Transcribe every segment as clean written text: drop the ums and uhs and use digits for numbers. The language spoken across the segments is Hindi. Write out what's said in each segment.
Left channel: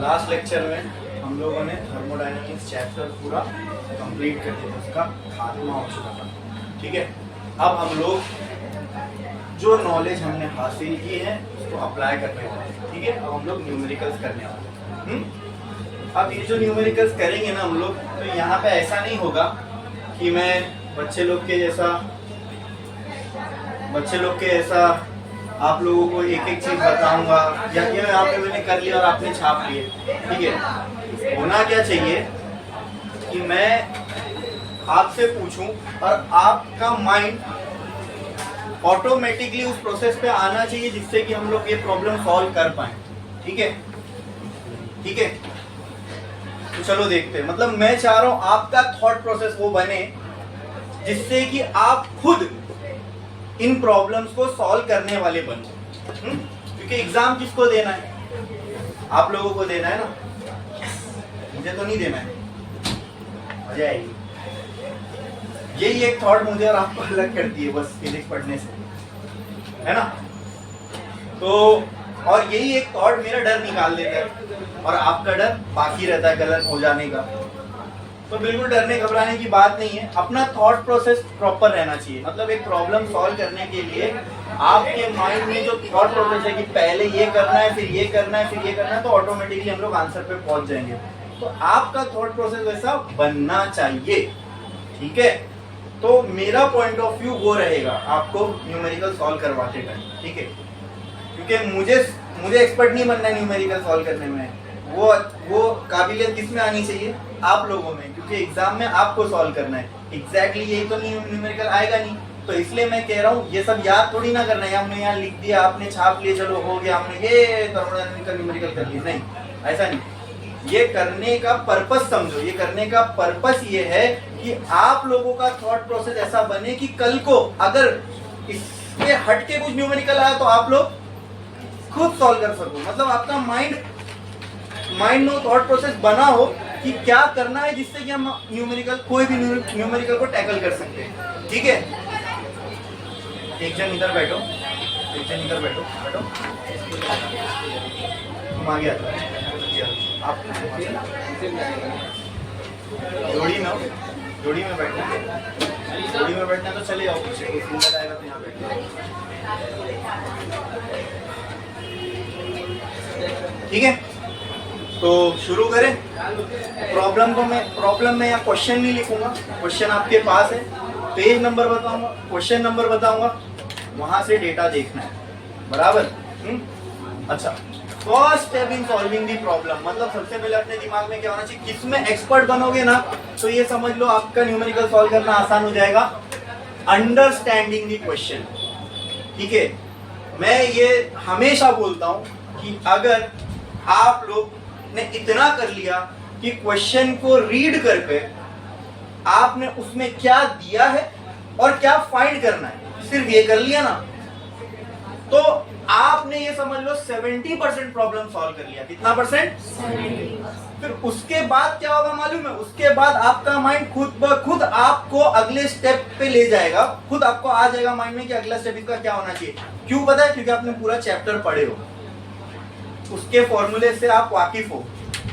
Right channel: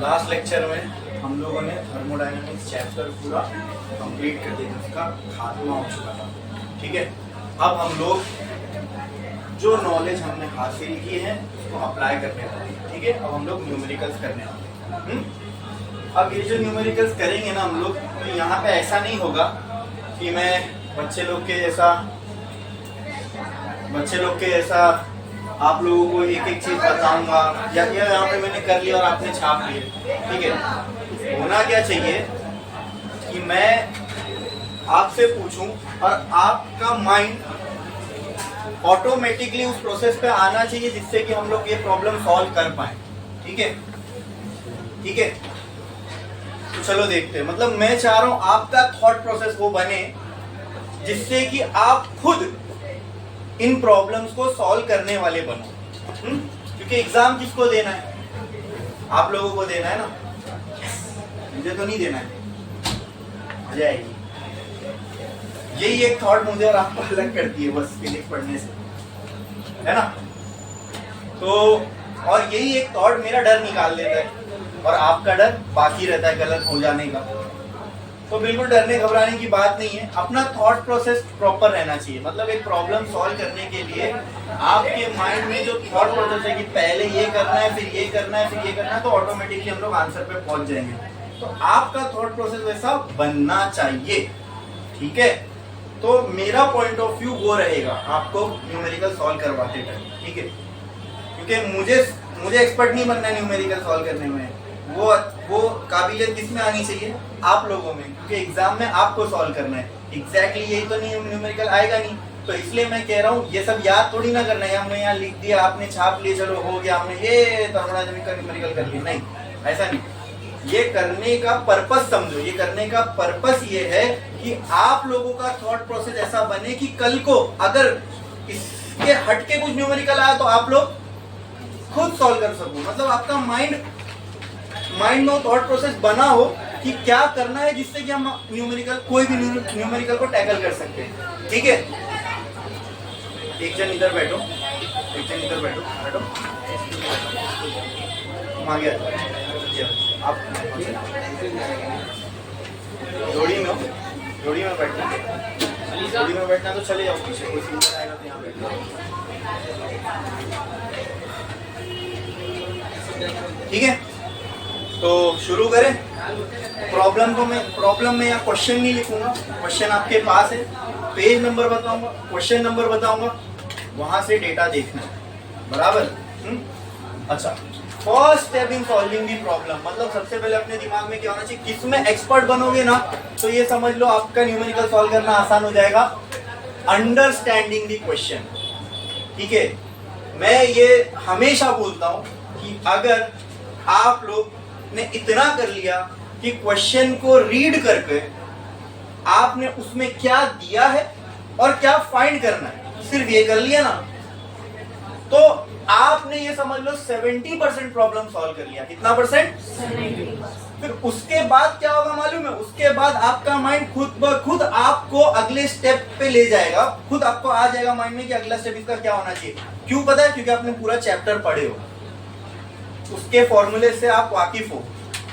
लास्ट लेक्चर में हम लोगों ने थर्मोडायनामिक्स चैप्टर पूरा कंप्लीट कर दिया, उसका खात्मा हो चुका था। ठीक है, अब हम लोग जो नॉलेज हमने हासिल की है उसको अप्लाई करने वाले हैं। ठीक है, अब हम लोग न्यूमेरिकल्स करने वाले हैं। अब ये जो न्यूमेरिकल्स करेंगे ना हम लोग, तो यहाँ पे ऐसा नहीं होगा कि मैं बच्चे लोग के जैसा आप लोगों को एक एक चीज बताऊंगा या यहाँ पे मैंने कर लिया और आपने छाप लिए। ठीक है, होना क्या चाहिए कि मैं आपसे पूछूं और आपका माइंड ऑटोमेटिकली उस प्रोसेस पे आना चाहिए जिससे कि हम लोग ये प्रॉब्लम सॉल्व कर पाए। ठीक है, ठीक है, तो चलो देखते हैं। मतलब मैं चाह रहा हूं आपका थॉट प्रोसेस वो बने जिससे कि आप खुद इन प्रॉब्लम्स को सॉल्व करने वाले बनो। क्योंकि एग्जाम किसको देना है? आप लोगों को देना है ना, मुझे तो नहीं देना है। मजा आएगी। यही एक थॉट मुझे और आपको अलग करती है बस फिजिक्स पढ़ने से, है ना। तो और यही एक थॉट मेरा डर निकाल देता है और आपका डर बाकी रहता है गलत हो जाने का। तो बिल्कुल डरने घबराने की बात नहीं है, अपना थॉट प्रोसेस प्रॉपर रहना चाहिए। मतलब एक प्रॉब्लम सॉल्व करने के लिए आपके माइंड में जो थॉट प्रोसेस है कि पहले ये करना है, फिर ये करना है, फिर ये करना है, तो ऑटोमेटिकली हम लोग आंसर पे पहुंच जाएंगे। तो आपका थॉट प्रोसेस वैसा बनना चाहिए। ठीक है, तो मेरा पॉइंट ऑफ व्यू वो रहेगा आपको न्यूमेरिकल सॉल्व करवाते टाइम। ठीक है, क्योंकि मुझे एक्सपर्ट नहीं बनना है न्यूमेरिकल सॉल्व करने में। वो काबिलियत किसमें आनी चाहिए? आप लोगों में, क्योंकि एग्जाम में आपको सॉल्व करना है। एग्जैक्टली यही तो नहीं, न्यूमेरिकल आएगा नहीं। तो इसलिए मैं कह रहा हूँ ये सब याद थोड़ी ना करना है, हमने यहाँ लिख दिया, आपने छाप लिए, चलो हो गया, हमने ये थर्मोडायनामिक्स का न्यूमेरिकल कर लिया। नहीं, ऐसा नहीं। ये करने का पर्पस समझो। ये करने का पर्पस ये है कि आप लोगों का थॉट प्रोसेस ऐसा बने कि कल को अगर इसके हटके कुछ न्यूमेरिकल आया तो आप लोग खुद सॉल्व कर सको। मतलब आपका माइंड में थॉट प्रोसेस बना हो कि क्या करना है जिससे कि हम कोई भी न्यूमेरिकल को टैकल कर सकते हैं। ठीक है, एक जन इधर बैठो, बैठो। तुम आ गया आप जोड़ी में बैठना तो चले जाओ, पीछे कोई सिंगल आएगा तो यहाँ बैठ। ठीक है, तो शुरू करें। प्रॉब्लम में या क्वेश्चन नहीं लिखूंगा, क्वेश्चन आपके पास है, पेज नंबर बताऊंगा, क्वेश्चन नंबर बताऊंगा, वहां से डेटा देखना है। बराबर? अच्छा, first step in solving the problem, मतलब सबसे पहले अपने दिमाग में क्या होना चाहिए? किसमें एक्सपर्ट बनोगे ना तो ये समझ लो आपका न्यूमेरिकल सॉल्व करना आसान हो जाएगा। Understanding the question. ठीक है, मैं ये हमेशा बोलता हूं कि अगर आप लोग ने इतना कर लिया कि क्वेश्चन को रीड करके आपने उसमें क्या दिया है और क्या फाइंड करना है, सिर्फ ये कर लिया ना, तो आपने ये समझ लो 70% प्रॉब्लम सॉल्व कर लिया। कितना परसेंट? 70%। फिर उसके बाद क्या होगा मालूम है? उसके बाद आपका माइंड खुद ब खुद आपको अगले स्टेप पे ले जाएगा। खुद आपको आ जाएगा माइंड में कि अगला स्टेप इसका क्या होना चाहिए। क्यों पता है? क्योंकि आपने पूरा चैप्टर पढ़े हो, उसके फॉर्मूले से आप वाकिफ हो।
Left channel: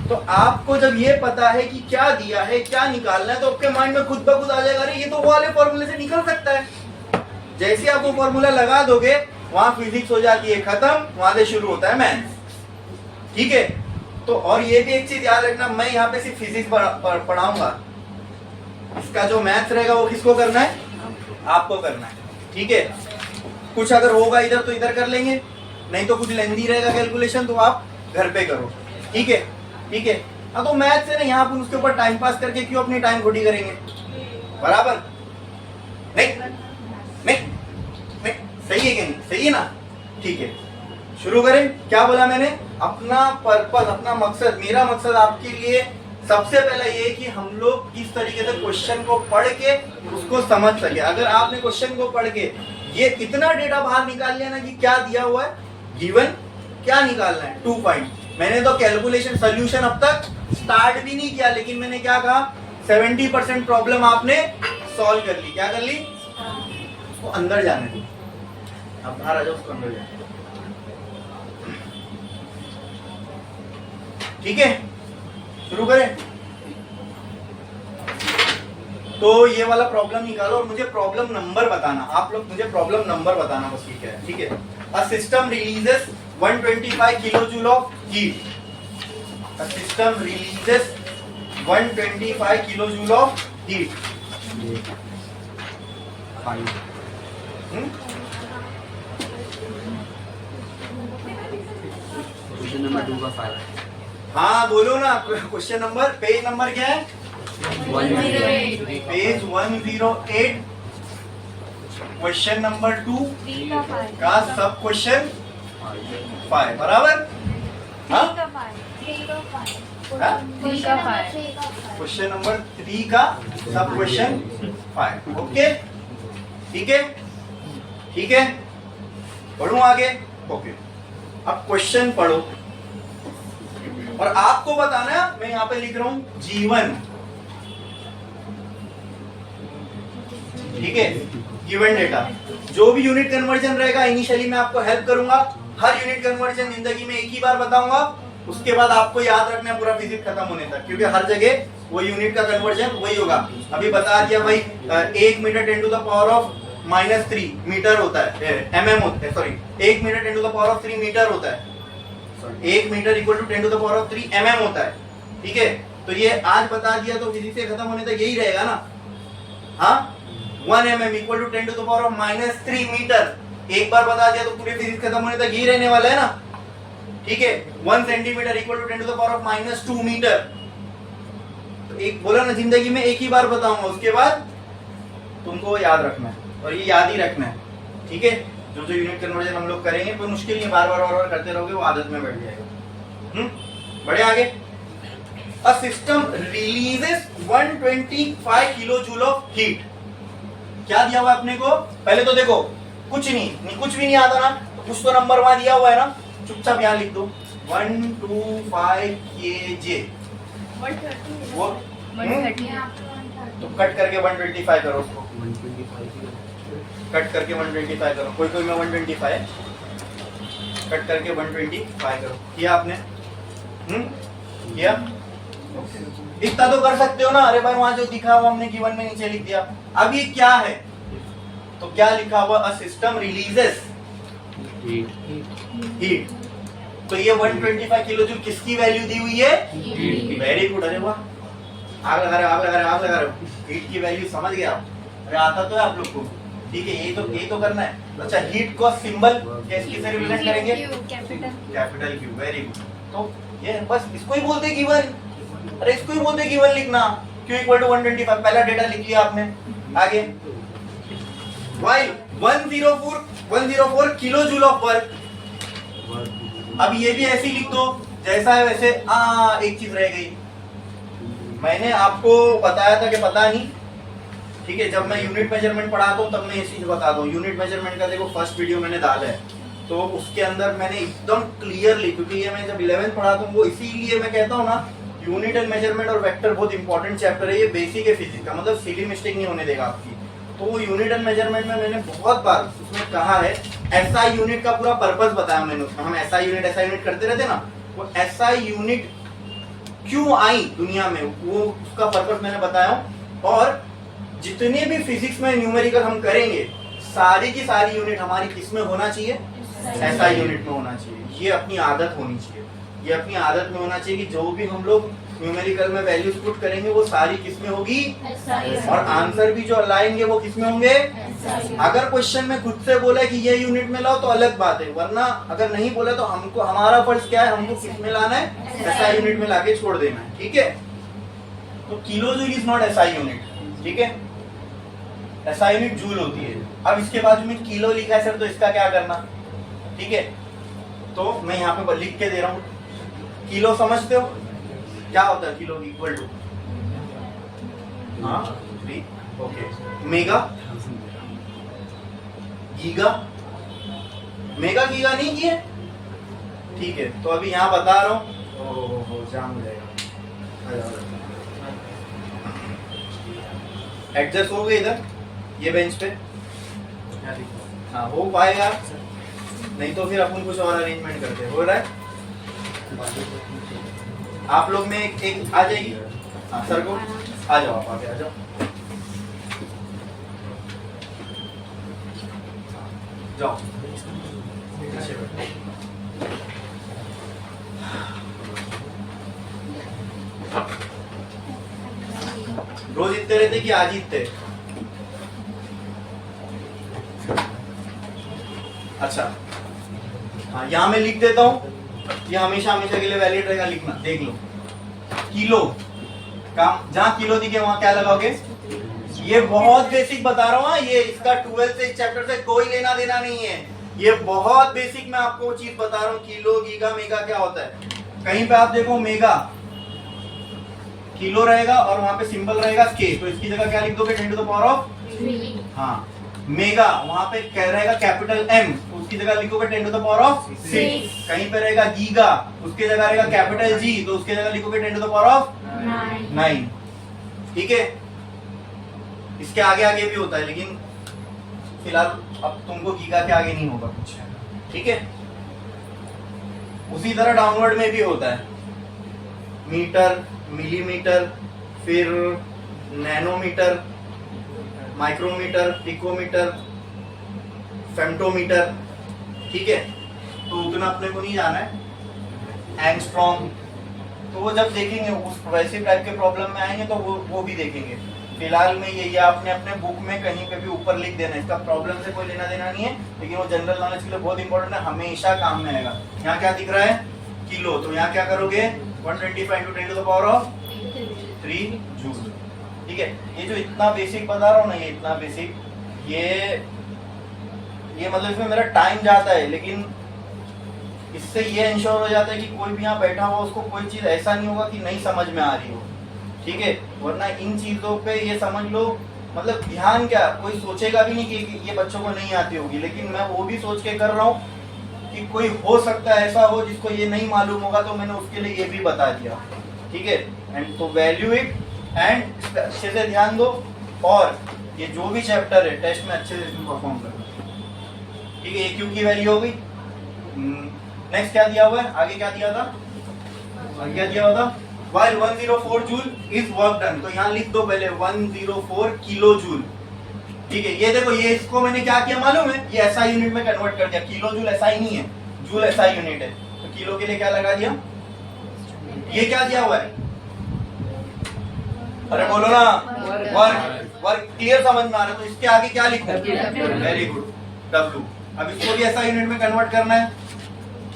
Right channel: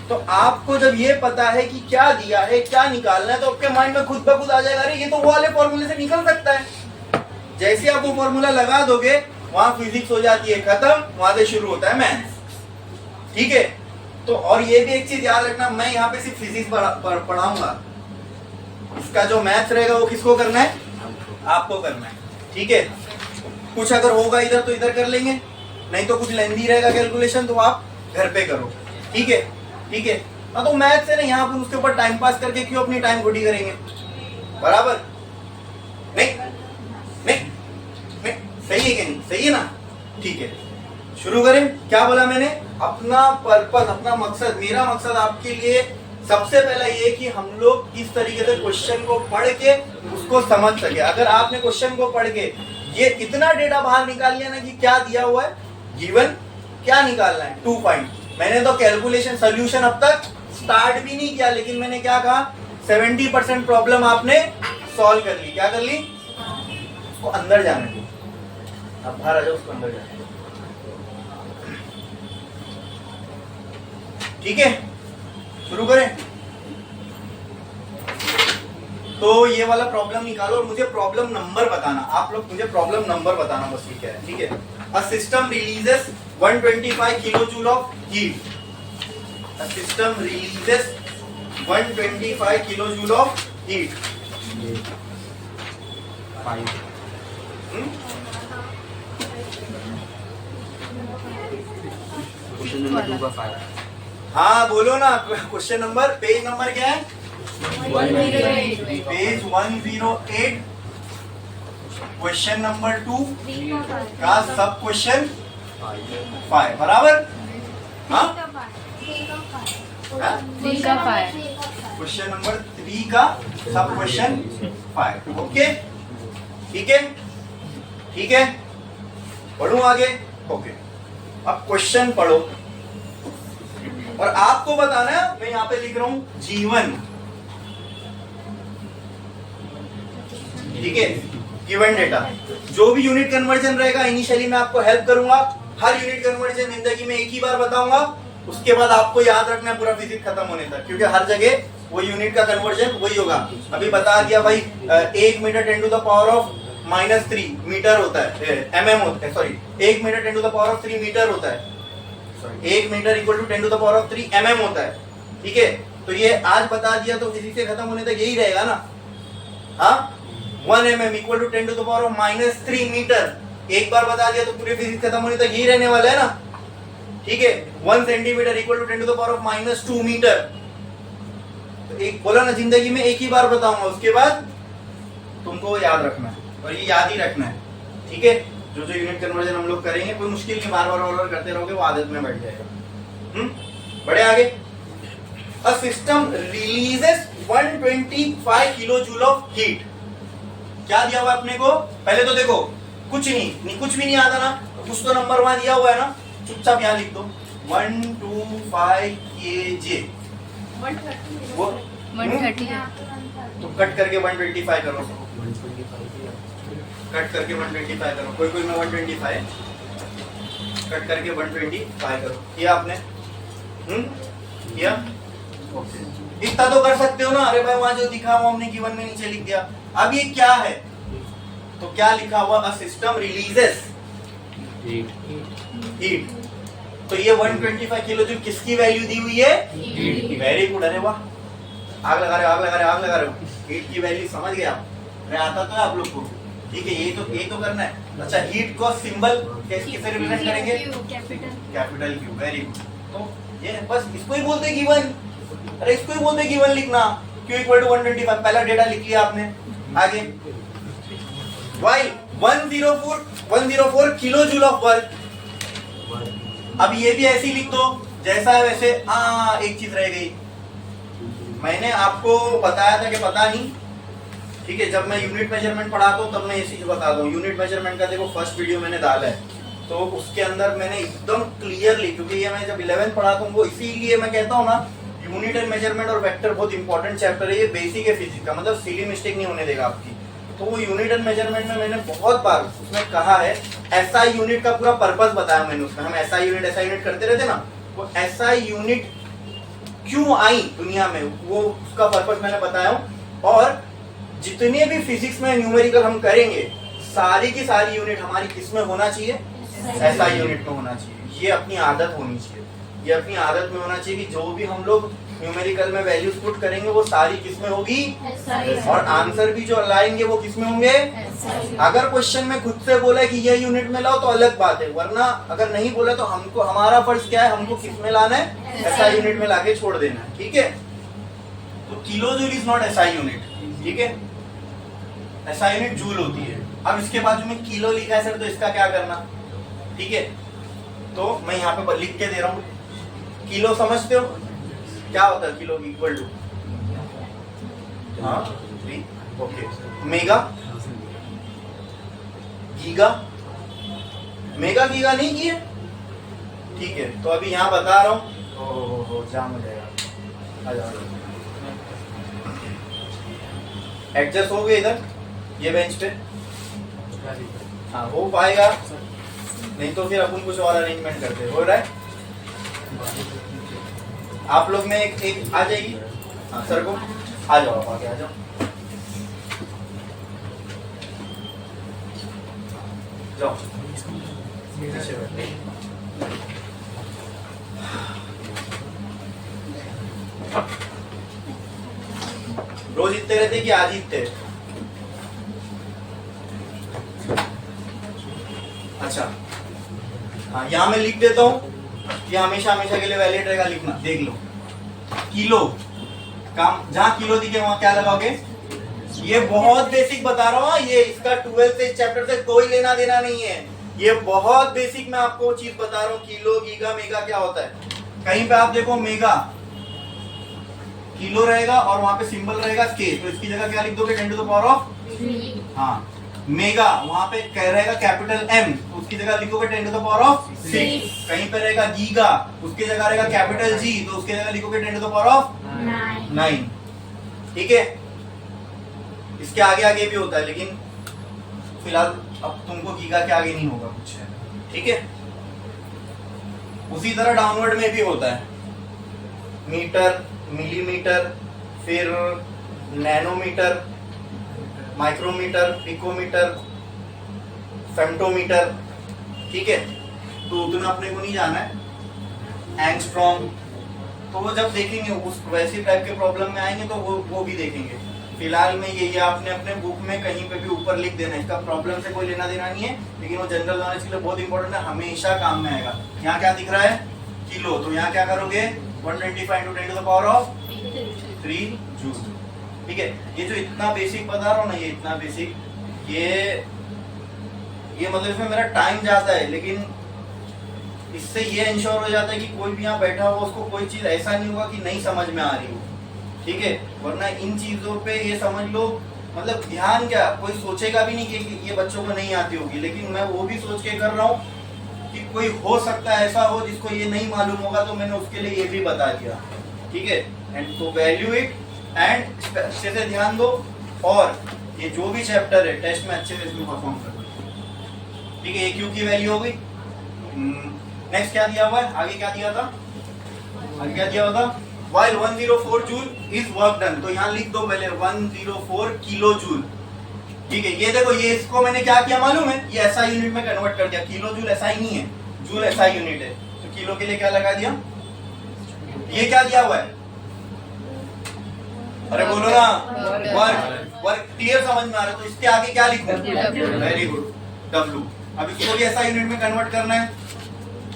तो आपको जब ये पता है कि क्या दिया है, क्या निकालना है, तो आपके माइंड में खुद ब खुद आ जाएगा, अरे ये तो वो वाले फॉर्मूले से निकल सकता है। जैसे आप वो फॉर्मूला लगा दोगे वहां फिजिक्स हो जाती है खत्म, वहां से शुरू होता है मैथ्स। ठीक है, तो और ये भी एक चीज याद रखना, मैं यहाँ पे सिर्फ फिजिक्स पढ़ाऊंगा, इसका जो मैथ्स रहेगा वो किसको करना है? आपको करना है। ठीक है, कुछ अगर होगा इधर तो इधर कर लेंगे, नहीं तो कुछ लेंदी रहेगा कैलकुलेशन तो आप घर पे करो। ठीक है, ठीक है। हाँ, तो मैथ से नहीं, आप उसके ऊपर टाइम पास करके क्यों अपनी टाइम खोटी करेंगे? बराबर? नहीं, सही है कि नहीं? सही है ना? ठीक है, शुरू करें। क्या बोला मैंने? अपना पर्पस, अपना मकसद। मेरा मकसद आपके लिए सबसे पहला ये कि हम लोग इस तरीके से क्वेश्चन को पढ़ के उसको समझ सके। अगर आपने क्वेश्चन को पढ़ के ये इतना डेटा बाहर निकाल लिया ना कि क्या दिया हुआ है, गिवन क्या निकालना है, 2 फाइंड। मैंने तो कैलकुलेशन सोल्यूशन अब तक स्टार्ट भी नहीं किया, लेकिन मैंने क्या कहा? 70% प्रॉब्लम आपने सॉल्व कर ली। क्या कर ली? वो अंदर जाने दो, अब बाहर आ जाओ, उसको अंदर जाने दो। ठीक है, शुरू करें। तो ये वाला प्रॉब्लम निकालो और मुझे प्रॉब्लम नंबर बताना, आप लोग मुझे प्रॉब्लम नंबर बताना बस, ठीक है, ठीक है। A system releases 125 kilojoule of heat. A system releases 125 kilojoule of heat. Question number 2 का 5। हाँ बोलो ना, क्वेश्चन नंबर, पेज नंबर क्या है? 108। पेज 108। क्वेश्चन नंबर 2 का सब क्वेश्चन 5 बराबर। हाँ, क्वेश्चन नंबर 3 का सब क्वेश्चन 5। ओके, ठीक है, ठीक है, पढ़ूं आगे? ओके, अब क्वेश्चन पढ़ो और आपको बताना है, मैं यहां पे लिख रहा हूं जीवन, ठीक है, गिवन डेटा। जो भी यूनिट कन्वर्जन रहेगा इनिशियली मैं आपको हेल्प करूंगा। हर यूनिट कन्वर्जन जिंदगी में एक ही बार बताऊंगा, उसके बाद आपको याद रखना है पूरा फिजिक्स खत्म होने तक, क्योंकि हर जगह वो यूनिट का कन्वर्जन वही होगा। अभी बता दिया भाई, 1 metre 10 to the power of -3 metre होता है, mm होता है, sorry 1 metre 10 to the power of 3 metre होता है, 1 metre equal to 10 to the power of 3 mm होता है, ठीक है। तो ये आज बता दिया तो फिजिक्स से खत्म होने तक यही रहेगा ना। हाँ, 1 mm equal to 10 to the power of -3 metre, एक बार बता दिया तो पूरी फिजिक्स खत्म होने तक यही रहने वाला है ना, ठीक है। 1 centimetre equal to 10 to the power of -2 metre. तो एक बोला ना, जिंदगी में एक ही बार बताऊंगा, उसके बाद तुमको याद रखना है और ये याद ही रखना है, ठीक है। जो जो यूनिट कन्वर्जन हम लोग करेंगे कोई मुश्किल नहीं, बार बार करते रहोगे वो आदत में बैठ जाएगा। बढ़े आगे। A system releases 125 kilojoule of heat. क्या दिया हुआ अपने को? पहले तो देखो, कुछ नहीं, कुछ भी नहीं आता ना, तो कुछ तो नंबर वहां दिया हुआ है ना, चुपचाप यहाँ लिख दो 125 kg। वो 130। तो कट करके 125 करो उसको, 125 कट करके 125 करो, कोई कोई में 125 कट करके 125 करो। किया आपने? किया? ओके, इतना तो कर सकते हो ना। अरे भाई वहां जो दिखा वो हमने गिवन में नीचे लिख दिया। अब ये क्या है? तो क्या लिखा हुआ? A system releases heat. तो ये 125 किलो जो किसकी वैल्यू दी हुई है? Very good. अरे वाह, आग लगा रहे हो, आग लगा रहे हो, आग लगा रहे हो। हीट की वैल्यू समझ गया आप? अरे आता तो है आप लोग को, ठीक है। ये तो करना है। अच्छा, हीट को सिंबल किससे रिप्रेजेंट करेंगे? Capital Q. Very good. तो ये बस इसको ही बोलते गिवन। अरे इसको ही बोलते गिवन लिखना। क्यू इक्वल टू 125, पहला डेटा लिख लिया आपने। आगे while 104 kilo joule of work. अब ये भी ऐसे ही लिख दो जैसा है वैसे। एक चीज रह गई, मैंने आपको बताया था कि पता नहीं, ठीक है। जब मैं यूनिट मेजरमेंट पढ़ाता हूँ तब मैं ये चीज बताता हूँ। यूनिट मेजरमेंट का देखो फर्स्ट वीडियो मैंने डाला है, तो उसके अंदर मैंने एकदम क्लियरली, क्योंकि ये मैं जब 11th पढ़ाता हूँ वो इसीलिए मैं कहता हूँ ना, यूनिट एंड मेजरमेंट और वेक्टर बहुत इंपॉर्टेंट चैप्टर है। ये बेसिक है फिजिक्स का, मतलब सिली मिस्टेक नहीं होने देगा आपकी। तो वो यूनिट एंड मेजरमेंट में मैंने बहुत बार उसमें कहा है, एसआई यूनिट का पूरा पर्पस बताया मैंने उसमें। हम एसआई यूनिट करते रहते ना, वो एसआई यूनिट क्यों आई दुनिया में, वो उसका पर्पस मैंने बताया हूँ। और जितने भी फिजिक्स में न्यूमेरिकल हम करेंगे, सारी की सारी यूनिट हमारी किस में होना चाहिए? एसआई यूनिट में होना चाहिए। ये अपनी आदत होनी चाहिए, ये अपनी आदत में होना चाहिए कि जो भी हम लोग न्यूमेरिकल में वैल्यूज पुट करेंगे वो सारी किस में होगी? और आंसर भी जो लाएंगे वो किस में होंगे? अगर क्वेश्चन में खुद से बोला है कि ये यूनिट में लाओ तो अलग बात है, वरना अगर नहीं बोला तो हमको, हमारा फर्ज क्या है, हमको किस में लाना है? एसआई यूनिट में लाके छोड़ देना है, ठीक है। तो kilo joule is not SI unit, ठीक है। एसआई यूनिट जूल होती है। अब इसके बाजू में किलो लिखा है सर, तो इसका क्या करना, ठीक है। तो मैं यहाँ पे लिख के दे रहा हूँ, किलो समझते हो क्या होता है? किलो इक्वल टू, हाँ, 3, okay. Mega, giga, mega giga नहीं किए, ठीक है। तो अभी यहाँ बता रहा हूँ, जाम हो जाएगा। आ जाओ, एडजस्ट होंगे इधर ये बेंच पे, हाँ हो पाएगा, नहीं तो फिर अपन कुछ और अरेंजमेंट करते। हो रहा है? आप लोग में एक आ जाएगी। हाँ सर को आ जाओ, आप आगे आ जाओ। जाओ पीछे बैठो। रोज इतने रहते कि आज ही इतने? अच्छा हाँ, यहाँ मैं लिख देता हूँ, ये हमेशा हमेशा के लिए वैलिड रहेगा, लिखना देख लो। किलो काम, जहां किलो दिखे वहां क्या लगाओगे? ये बहुत बेसिक बता रहा हूँ, ये इसका 12 से चैप्टर से कोई लेना देना नहीं है, ये बहुत बेसिक मैं आपको चीज बता रहा हूँ। किलो, गीगा, मेगा क्या होता है? कहीं पे आप देखो मेगा किलो रहेगा और वहां पे सिंबल रहेगा के, तो इसकी जगह क्या लिख दोगे? 10 टू द पावर ऑफ 3। हाँ, मेगा वहां पे क्या रहेगा? कैपिटल एम, उसकी जगह लिखोगे 10 टू द पावर ऑफ 6। कहीं पे रहेगा गीगा, उसकी जगह रहेगा कैपिटल जी, तो उसकी जगह लिखोगे 10 टू द पावर ऑफ 9। ठीक है, इसके आगे आगे भी होता है, लेकिन फिलहाल अब तुमको गीगा के आगे नहीं होगा कुछ। ठीक है, उसी तरह डाउनवर्ड में भी होता है, मीटर, मिलीमीटर, फिर नैनोमीटर, माइक्रोमीटर, पिकोमीटर, फेम्टोमीटर। ठीक है, तो उतना अपने को नहीं जाना है। एंगस्ट्रॉम, तो वो जब देखेंगे उस वैसे टाइप के प्रॉब्लम में आएंगे तो वो भी देखेंगे। फिलहाल में ये आपने अपने बुक में कहीं पे भी ऊपर लिख देना है, इसका प्रॉब्लम से कोई लेना देना नहीं है, लेकिन वो जनरल नॉलेज के लिए बहुत इंपॉर्टेंट है, हमेशा काम में आएगा। यहाँ क्या दिख रहा है? किलो, तो यहाँ क्या करोगे? 125 × 10 to the power of 3 joule. ठीक है, ये जो इतना बेसिक बता रहा हूँ ना, ये इतना बेसिक, ये मतलब इसमें मेरा टाइम जाता है, लेकिन इससे ये इंश्योर हो जाता है कि कोई भी यहाँ बैठा हुआ उसको कोई चीज ऐसा नहीं होगा कि नहीं समझ में आ रही हो। ठीक है, वरना इन चीजों पे ये समझ लो, मतलब ध्यान क्या, कोई सोचेगा भी नहीं कि ये बच्चों को नहीं आती होगी, लेकिन मैं वो भी सोच के कर रहा हूँ कि कोई हो सकता है ऐसा हो जिसको ये नहीं मालूम होगा, तो मैंने उसके लिए ये भी बता दिया। ठीक है, एंड तो वैल्यू इट एंड अच्छे से ध्यान दो, और ये जो भी चैप्टर है टेस्ट में अच्छे से इसमें परफॉर्म करो। ठीक है, क्यू की वैल्यू हो गई। नेक्स्ट क्या दिया हुआ है? आगे क्या दिया था? आगे क्या दिया हुआ था? While 104 joule is work done, तो यहाँ लिख दो पहले 104 किलो जूल। ठीक है, ये देखो, ये इसको मैंने क्या किया मालूम है? ये SI यूनिट में कन्वर्ट कर दिया। किलो जूल SI नहीं है, जूल SI यूनिट है, तो किलो के लिए क्या लगा दिया? ये क्या दिया हुआ है? अरे बोलो ना, वर्क। वर्क क्लियर समझ में आ रहा है? तो इसके आगे क्या लिखो? Very good, W। अब इसको भी SI यूनिट में कन्वर्ट करना है,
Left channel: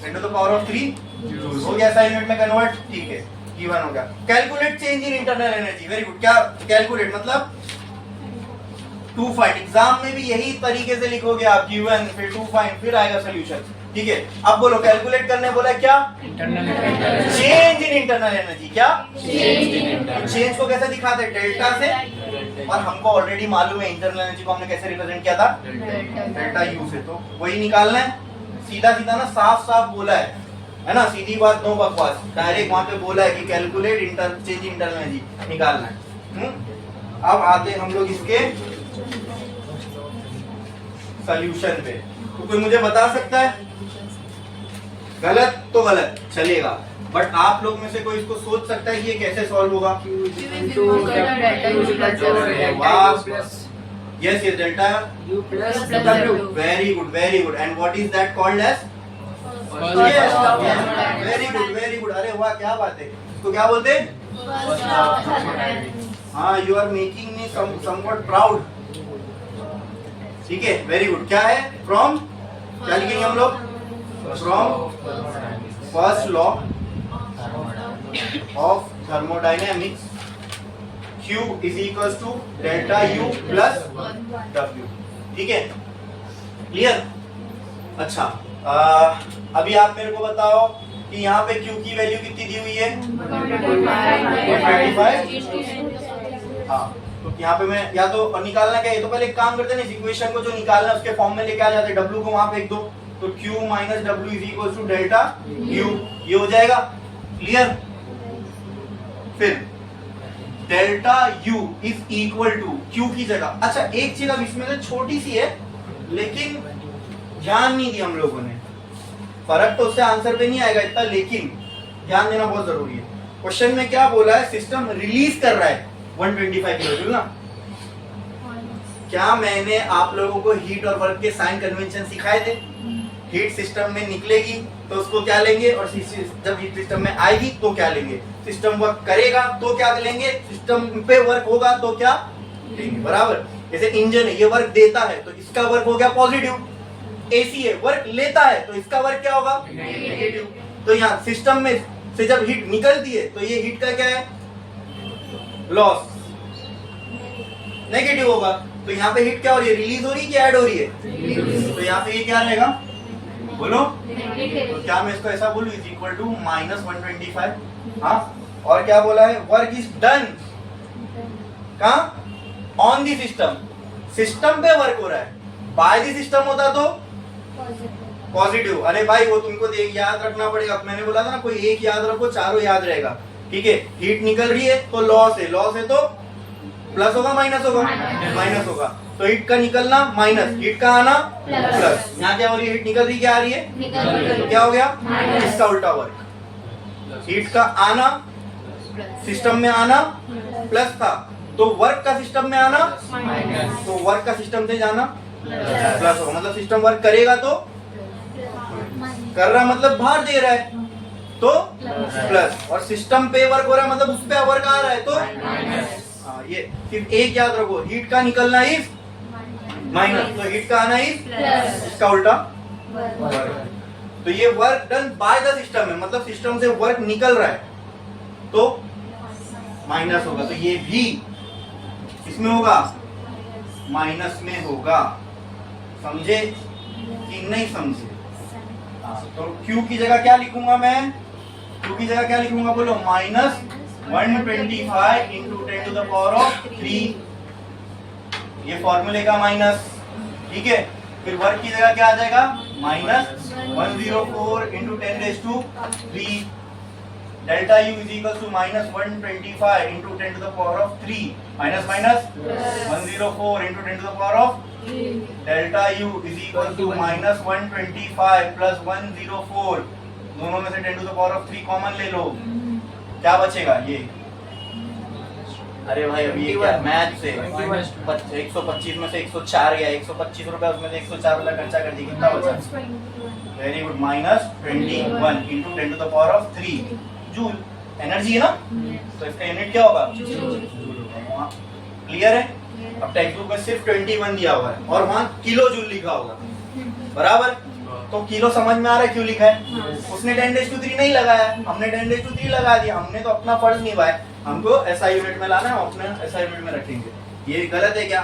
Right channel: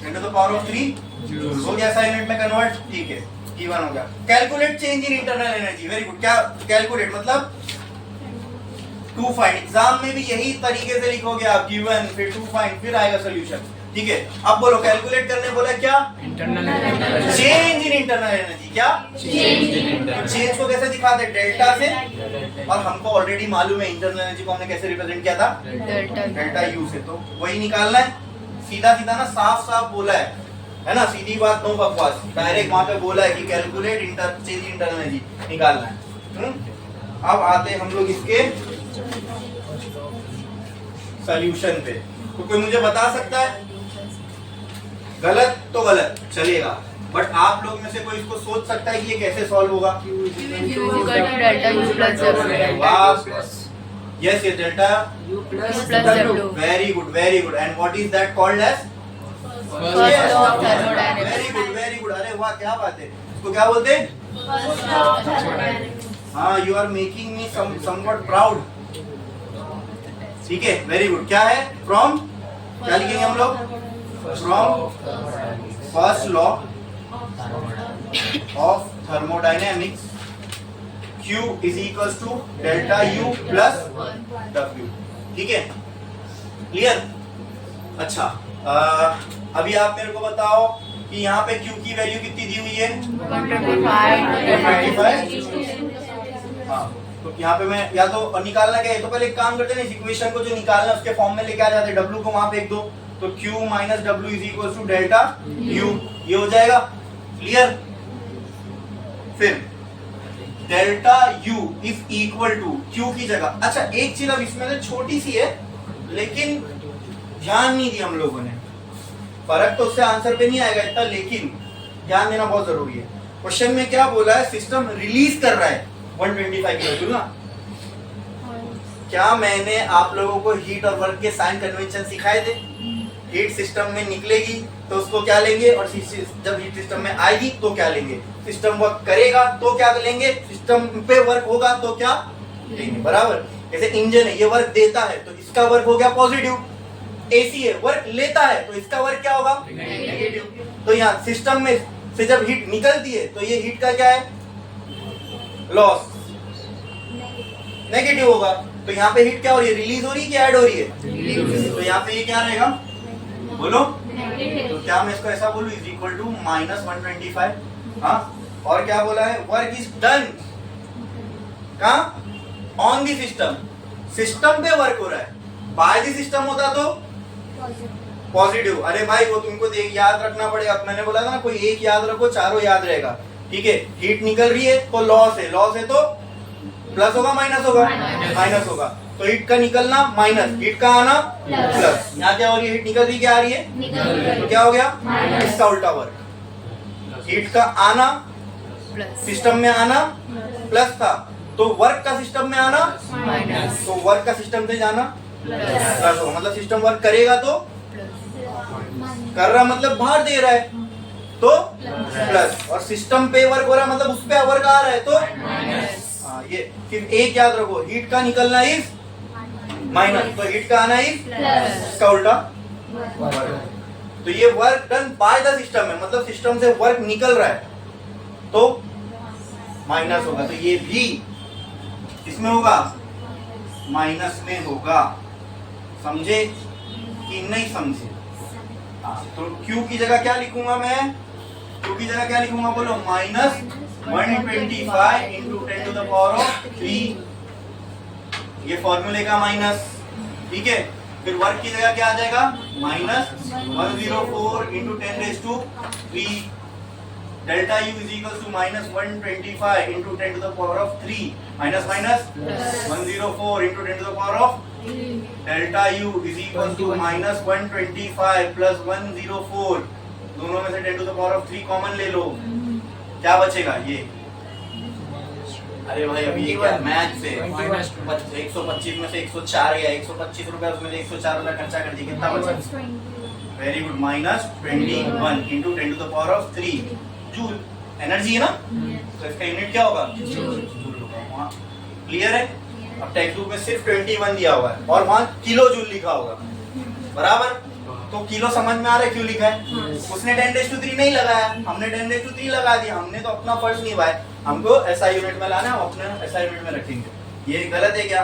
10 to the power of 3 joule हो गया SI यूनिट में कन्वर्ट। ठीक है, E1 हो गया। Calculate change in internal energy, very good. क्या कैलकुलेट मतलब? टू फाइंड, एग्जाम में भी यही तरीके से लिखोगे आप, गिवन फिर टू फाइंड, फिर आएगा सोल्यूशन। ठीक है, अब बोलो कैलकुलेट करने बोला क्या? Change in internal energy. क्या चेंज को कैसे दिखाते? डेल्टा से, और हमको ऑलरेडी मालूम है इंटरनल एनर्जी को हमने कैसे रिप्रेजेंट किया था? डेल्टा यू से। तो वही निकालना है, सीधा सीधा ना, साफ साफ बोला है ना, सीधी बात, नो बकवास, डायरेक्ट वहां पे बोला है कि कैलकुलेट चेंज इंटरनल एनर्जी निकालना है। अब आते हम लोग इसके सॉल्यूशन पे। तो कोई मुझे बता सकता है? गलत तो गलत चलेगा, बट आप लोग में से कोई इसको सोच सकता है कि ये कैसे सॉल्व होगा? यस, ये delta U plus W. Very good, very good. And what is that called H? Very good, very good. अरे वाह, क्या बात है। इसको क्या बोलते हैं? हाँ, you are making me somewhat proud. ठीक है, वेरी गुड। क्या है? फ्रॉम, क्या लिखेंगे हम लोग? From first law of thermodynamics, Q is equals to delta U plus W। ठीक है, क्लियर? अच्छा, अभी आप मेरे को बताओ कि यहाँ पे Q की वैल्यू कितनी दी हुई है? 125। हाँ, तो यहाँ पे मैं या तो निकालना क्या है, तो पहले एक काम करते हैं, इस इक्वेशन को जो निकालना है उसके फॉर्म में लेके आ जाते हैं, W को वहां फेंक दो, तो Q minus W is equal to delta U, ये हो जाएगा। क्लियर? फिर delta U is equal to Q की जगह, अच्छा एक चीज अब इसमें से छोटी सी है लेकिन ध्यान नहीं दिया हम लोगों ने, फर्क तो उससे आंसर पे नहीं आएगा इतना, लेकिन ध्यान देना बहुत जरूरी है। क्वेश्चन में क्या बोला है, सिस्टम रिलीज कर रहा है 125 किलो जूल ना। क्या मैंने आप लोगों को हीट और वर्क के साइन कन्वेंशन सिखाए थे? हीट सिस्टम में निकलेगी तो उसको क्या लेंगे, और जब हीट सिस्टम में आएगी तो क्या लेंगे। सिस्टम वर्क करेगा तो क्या लेंगे, सिस्टम पे वर्क होगा तो क्या लेंगे। बराबर, जैसे इंजन है, ये वर्क देता है तो इसका वर्क हो गया पॉजिटिव। एसी है, वर्क लेता है तो इसका वर्क क्या होगा, नेगेटिव। तो यहाँ सिस्टम में से जब हीट निकलती है तो ये हीट का क्या है, लॉस, नेगेटिव होगा। तो यहाँ पे हीट क्या हो रही है, रिलीज हो रही है कि ऐड हो रही है, तो यहाँ पे ये क्या रहेगा, बोलो। तो क्या मैं इसको ऐसा बोलूं, इज इक्वल टू -125। हाँ, और क्या बोला है, वर्क इज डन कहाँ, ऑन दी सिस्टम। सिस्टम पे वर्क हो रहा है, बाय दी सिस्टम होता तो पॉजिटिव। अरे भाई वो तुमको याद रखना पड़ेगा, मैंने बोला था ना कोई एक याद रखो चारों याद रहेगा। ठीक है, हीट निकल रही है तो लॉस है, लॉस है तो प्लस होगा माइनस होगा, माइनस होगा। तो हीट का निकलना माइनस, हीट का आना प्लस। यहाँ क्या हो रही है, हीट निकल रही क्या आ रही है, तो क्या हो गया, इसका उल्टा वर्क। हीट का आना सिस्टम में आना प्लस था, तो वर्क का सिस्टम में आना, तो वर्क का सिस्टम से जाना प्लस होगा। मतलब सिस्टम वर्क करेगा तो कर रहा, मतलब बाहर दे रहा है तो प्लस, और सिस्टम पे वर्क हो रहा मतलब उस पे वर्क आ रहा है तो हाँ। ये सिर्फ एक याद रखो, हीट का निकलना इज माइनस, तो हीट का आना इज इसका उल्टा वर्क। तो ये work done by the system है, मतलब सिस्टम से वर्क निकल रहा है तो माइनस होगा। तो ये भी इसमें होगा, माइनस में होगा। समझे कि नहीं समझे? तो Q की जगह क्या लिखूंगा मैं, Q की जगह क्या लिखूंगा, बोलो, -125 into 10 to the power of 3। ये फॉर्मूले का माइनस, ठीक है। फिर वर्क की जगह क्या आ जाएगा, -104 into 10⁻³ delta U is equal to -125 into 10 to the power of 3 minus 104 into 10 to the power of delta U is equal to -125 plus 104, दोनों में से 10 to the power of 3 common ले लो, क्या बचेगा ये। अरे भाई अभी क्या मैथ से 125 में से 104 गया, 125 रुपए उसमें से 104 वाला खर्चा कर दिया, कितना बचा, very good, -21 into 10 to the power of 3 joule. Energy है ना, तो इसका यूनिट क्या होगा, जूल। क्लियर है? अब टेक्स्ट बुक में सिर्फ 21 दिया हुआ है और वहां किलो जूल लिखा होगा, बराबर। तो किलो समझ में आ रहा है क्यों लिखा है, उसने 10⁻³ नहीं लगाया, हमने 10⁻³ लगा दिया। हमने तो अपना फर्ज निभाया, हमको SI यूनिट में लाना है, हम अपने SI यूनिट में रखेंगे। ये गलत है क्या,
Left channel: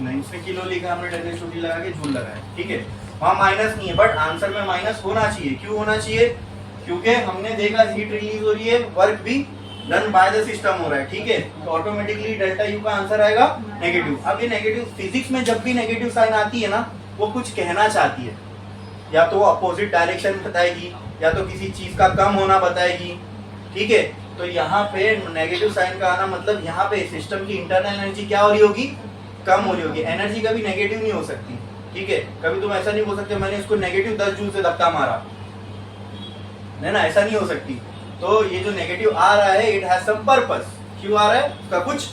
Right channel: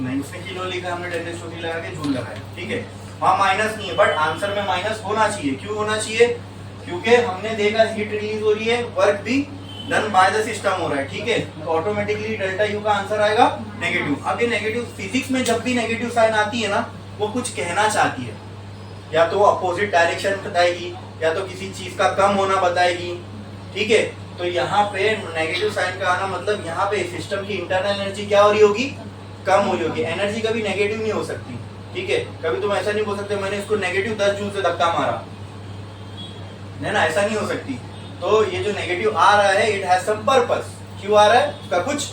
नहीं, उसने किलो लिखा, हमने 10⁻³ लगा के जूल लगाया, ठीक है। वहां माइनस नहीं है, बट आंसर में माइनस होना चाहिए। क्यों होना चाहिए, क्योंकि हमने देखा हीट रिलीज हो रही है, वर्क भी डन बाय द सिस्टम हो रहा है, ठीक है। तो ऑटोमेटिकली डेल्टा U का आंसर आएगा नेगेटिव। अब ये नेगेटिव, फिजिक्स में जब भी नेगेटिव साइन आती है ना, वो कुछ कहना चाहती है, या तो अपोजिट डायरेक्शन बताएगी, या तो किसी चीज का कम होना बताएगी, ठीक है। तो यहाँ पे नेगेटिव साइन का आना मतलब यहाँ पे सिस्टम की इंटरनल एनर्जी क्या हो रही होगी, कम हो रही होगी। एनर्जी कभी नेगेटिव नहीं हो सकती, ठीक है। कभी तुम ऐसा नहीं बोल सकते मैंने इसको नेगेटिव 10 जूल से धक्का मारा, है ना, ऐसा नहीं हो सकती। तो ये जो नेगेटिव आ रहा है, इट हैज सम पर्पस। क्यों आ रहा है, उसका कुछ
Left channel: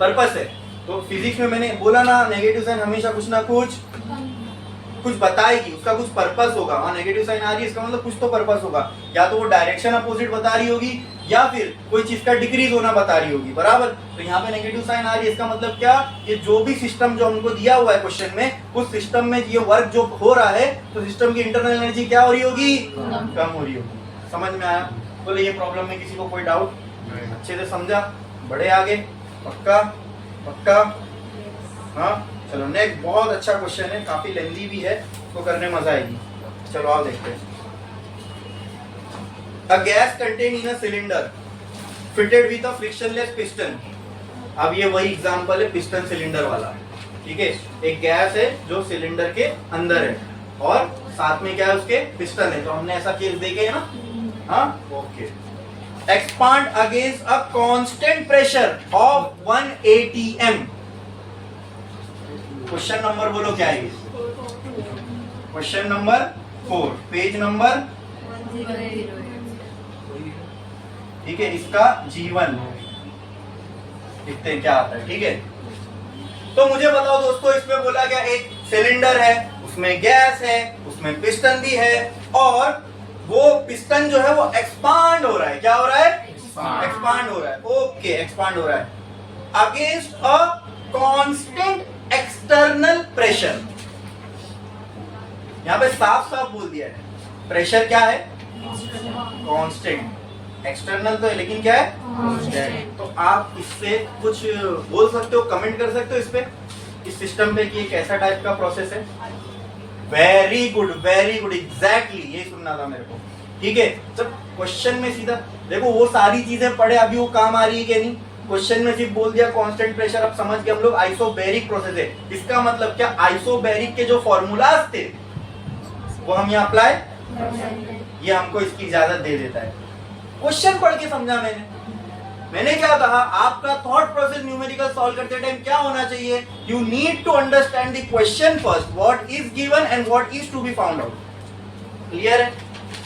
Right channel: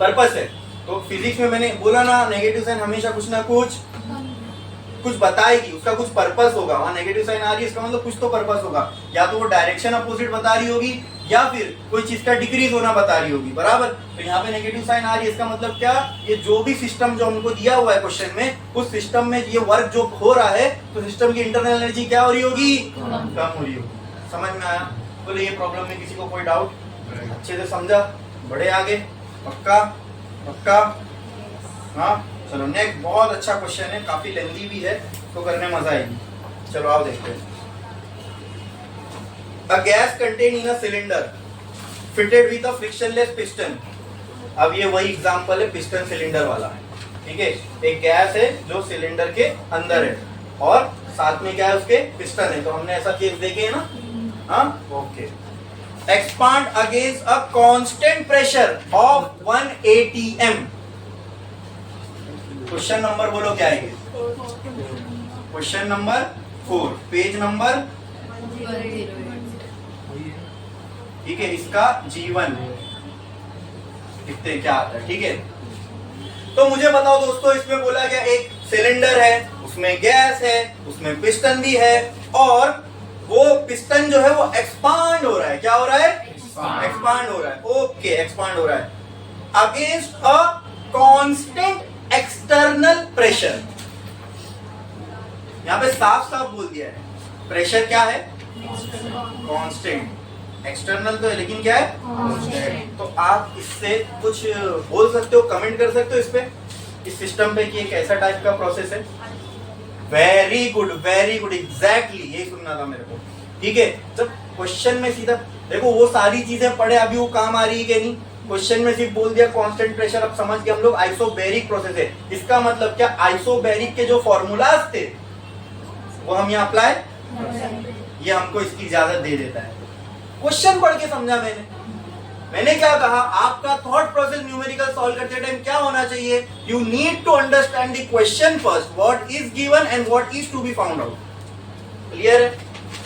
पर्पस है। तो फिजिक्स में मैंने बोला ना, नेगेटिव साइन हमेशा कुछ ना कुछ बताएगी, उसका कुछ पर्पस होगा। वहां नेगेटिव साइन आ रही है, इसका मतलब कुछ तो पर्पस होगा, या तो वो डायरेक्शन अपोजिट बता रही होगी, या फिर कोई चीज का डिक्रीज होना बता रही होगी, बराबर। तो यहाँ पे नेगेटिव साइन आ रही है, इसका मतलब क्या, ये जो भी सिस्टम जो हमको दिया हुआ है क्वेश्चन में, उस सिस्टम में ये वर्क जो हो रहा है, तो सिस्टम की इंटरनल एनर्जी क्या हो रही होगी, कम हो रही होगी। समझ में आया? बोले ये प्रॉब्लम में किसी को कोई डाउट, अच्छे से समझा, बढ़े आगे, पक्का पक्का। हाँ चलो नेक्स्ट, बहुत अच्छा क्वेश्चन है, काफी लेंथी भी है, तो करने मजा आएगी। चलो आप देखते हैं। A gas contained in a cylinder fitted with a frictionless piston। अब ये वही एग्जांपल है पिस्टन सिलेंडर वाला, ठीक है। एक गैस है जो सिलेंडर के अंदर है और साथ में क्या है, उसके पिस्टन है। तो हमने ऐसा केस देखे है ना, हाँ okay. Expand against a constant pressure of 1 atm। Question number बोलो क्या है, क्वेश्चन नंबर 4, पेज नंबर ठीक है, इसका G1 इतने क्या आता है, ठीक है। तो मुझे बताओ दोस्तों, इसमें बोला गया एक सिलेंडर है, उसमें गैस है, उसमें पिस्टन भी है, और वो पिस्टन जो है वो एक्सपांड हो रहा है। क्या हो रहा है? एक्सपांड हो रहा है। ओके, एक्सपांड हो रहा है against a constant external pressure. यहां पे साफ साफ बोल दिया है, प्रेशर क्या है? कांस्टेंट। एक्सटर्नल तो है लेकिन क्या है? कांस्टेंट। तो आप इससे कुछ बोल सकते हो, कमेंट कर सकते हो इस पे, इस सिस्टम पे कि ये कैसा टाइप का प्रोसेस है? Very good, very good, exactly यही सुनना था मेरे को। ठीक है, जब क्वेश्चन में सीधा देखो वो सारी चीजें पढ़े, अभी वो काम आ रही है कि नहीं? क्वेश्चन में सिर्फ बोल दिया कांस्टेंट प्रेशर, अब समझ गए हम लोग आइसोबैरिक प्रोसेस है। इसका मतलब क्या? आइसोबैरिक के जो फॉर्मूलाज थे वो हम यहाँ अप्लाई, ये हमको इसकी इजाजत दे देता है। क्वेश्चन पढ़ के समझा मैंने क्या कहा? आपका थॉट प्रोसेस न्यूमेरिकल सॉल्व करते टाइम क्या होना चाहिए? You need to understand the question first, what is given and what is to be found out. Clear है?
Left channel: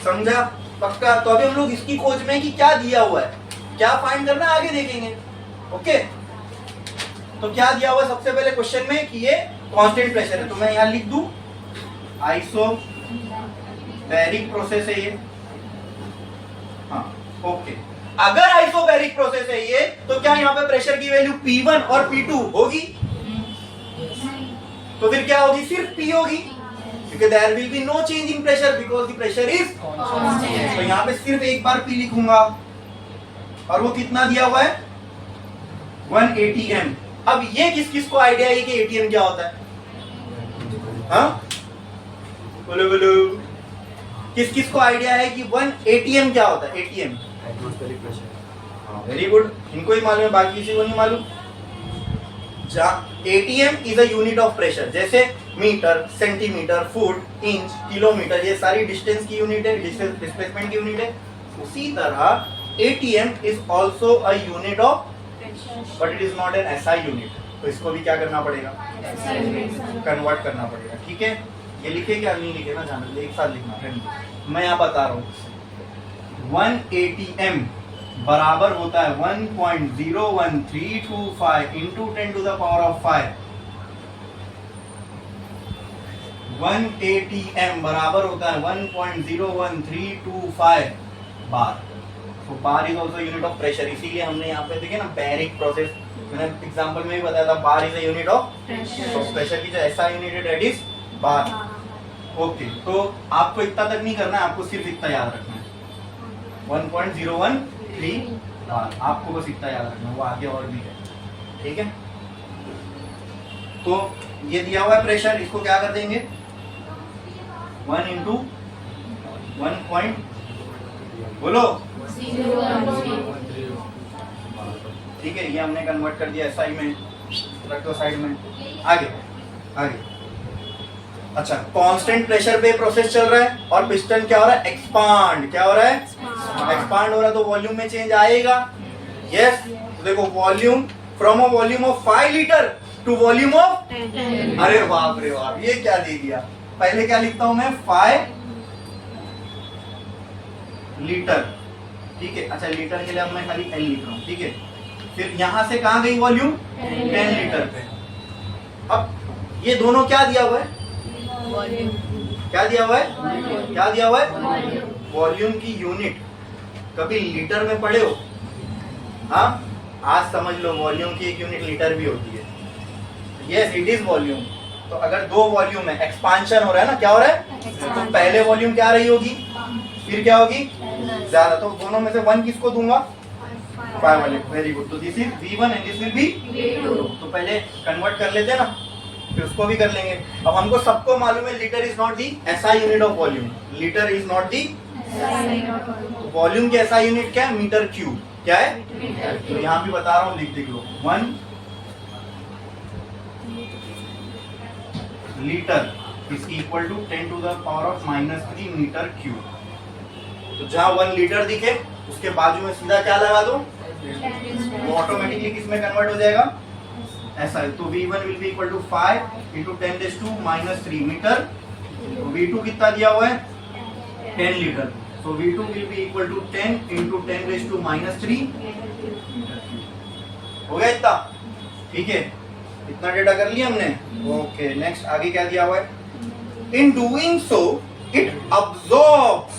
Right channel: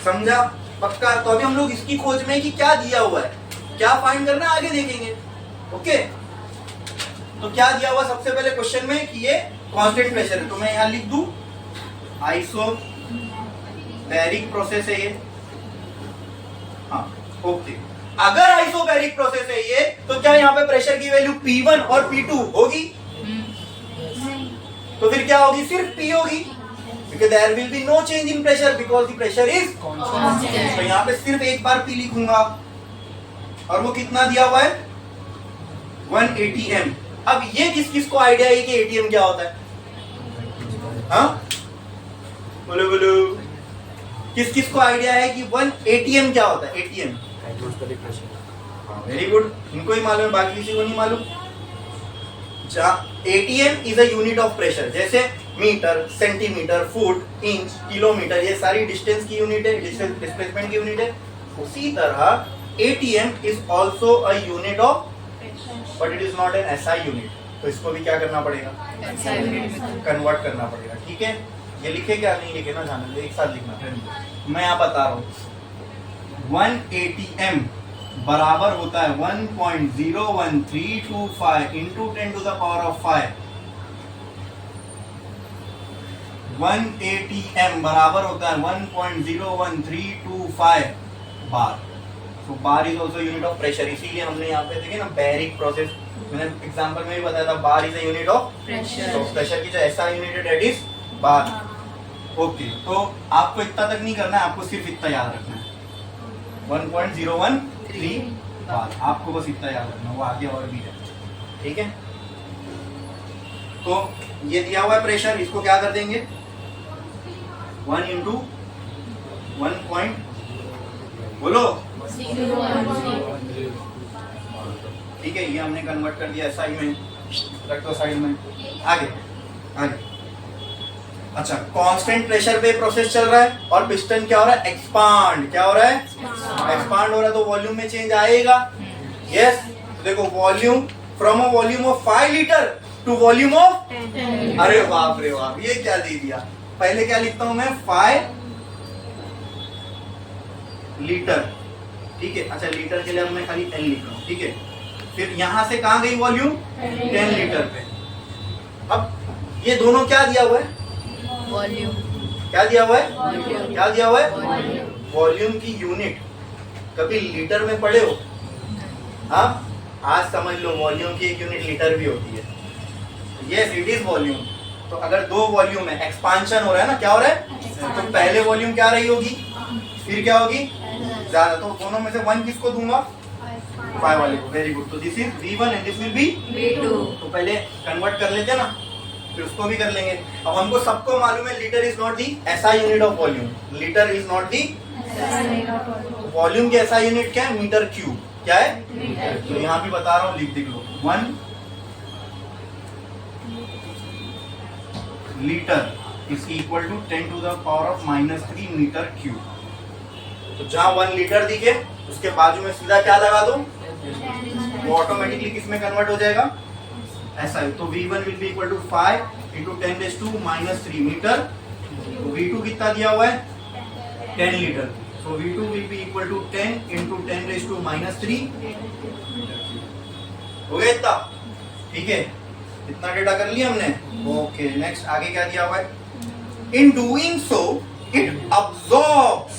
समझा? पक्का? तो अभी हम लोग इसकी खोज में कि क्या दिया हुआ है, क्या फाइंड करना है, आगे देखेंगे। ओके, तो क्या दिया हुआ सबसे पहले क्वेश्चन में कि ये कांस्टेंट प्रेशर है, तो मैं यहां लिख दूं आइसोबैरिक प्रोसेस है ये। हाँ, ओके। अगर आइसोबैरिक प्रोसेस है ये, तो क्या यहाँ पे प्रेशर की वैल्यू P1 और P2 होगी? तो फिर क्या होगी? सिर्फ P होगी, because there will be no change in pressure because the pressure is constant। तो यहाँ पे सिर्फ एक बार P लिखूंगा, और वो कितना दिया हुआ है? 1 ATM। अब ये किस किस को आइडिया है कि ATM क्या होता है? हाँ, बोलो बोलो, किस किस को आइडिया है कि 1 ATM क्या होता है? ATM, atmospheric pressure. Very good, इनको ही मालूम है, बाकी किसी को नहीं मालूम। ATM is a unit of pressure, जैसे metre, centimetre, foot, inch, kilometre, ये सारी डिस्टेंस की यूनिट है, डिस्प्लेसमेंट की यूनिट है। उसी तरह ATM is also a unit of, but it is not an SI unit. तो इसको भी क्या करना पड़ेगा? कन्वर्ट करना पड़ेगा। ठीक है, ये लिखे क्या नहीं लिखे ना, जान एक साथ लिखना। मैं यहाँ बता रहा हूँ, 1 ATM बराबर होता है 1.01325 into 10 to the power of 5। 1 ATM बराबर होता है 1.01325 बार। तो bar is also unit of pressure, इसीलिए हमने यहाँ पे देखे ना बैरिक प्रोसेस, मैंने एग्जांपल में भी बताया था, bar is a unit of pressure. तो प्रेशर की जो SI यूनिट है दैट इज बार। ओके, तो आपको इतना तक नहीं करना है, आपको सिर्फ इतना याद रखना है, 1.013 बार। आपको बस इतना याद रखना, वो आगे और भी है। ठीक है, तो ये दिया हुआ है प्रेशर, इसको क्या कर देंगे? 1 इंटू 1. बोलो, ठीक है, ये हमने कन्वर्ट कर दिया SI में, रख दो साइड में। आगे आगे, अच्छा, कांस्टेंट प्रेशर पे प्रोसेस चल रहा है और पिस्टन क्या हो रहा है? एक्सपांड। क्या हो रहा है? एक्सपांड हो रहा है, तो वॉल्यूम में चेंज आएगा। यस, तो देखो volume, from a volume of 5 litre to volume of 10। अरे बाप रे बाप, ये क्या दे दिया? पहले क्या लिखता हूं मैं? 5 लीटर। ठीक है, अच्छा लीटर के लिए अब मैं खाली 10 लिख रहा हूं। ठीक है, फिर यहां से कहां गई वॉल्यूम? 10 लीटर पे। अब ये दोनों क्या दिया हुआ है? वॉल्यूम। क्या दिया हुआ है? क्या दिया हुआ है? वॉल्यूम की यूनिट। कभी लीटर में पढ़े हो? हाँ, आज समझ लो वॉल्यूम की एक यूनिट लीटर भी होती है। Yes, it is volume. तो अगर दो वॉल्यूम है, एक्सपांशन हो रहा है ना, क्या हो रहा है? तो पहले वॉल्यूम क्या रही होगी, फिर क्या होगी? ज्यादा। तो दोनों में से 1 किसको दूंगा? 5 वाले को। Very good. तो this is V1 and this will be V2। तो पहले कन्वर्ट कर लेते हैं ना, फिर उसको भी कर लेंगे। अब हमको सबको मालूम है litre is not the SI unit of volume. Litre is not the volume की SI यूनिट क्या है? Metre cube. क्या है? तो यहाँ भी बता रहा हूँ, लिख लो 1 litre is equal to 10 to the power of -3 metre cube. तो जहां 1 लीटर दिखे उसके बाजू में सीधा क्या लगा दो? वो ऑटोमेटिकली किस में कन्वर्ट हो जाएगा? ऐसा है। तो V1 will be equal to 5 into 10⁻³ metre. तो V2 कितना दिया हुआ है? 10 litre. So V2 will be equal to 10 into 10 raised to -3. हो गया इतना? ठीक है, इतना डेटा कर लिया हमने. ओके, नेक्स्ट आगे क्या दिया हुआ है? In doing so, it absorbs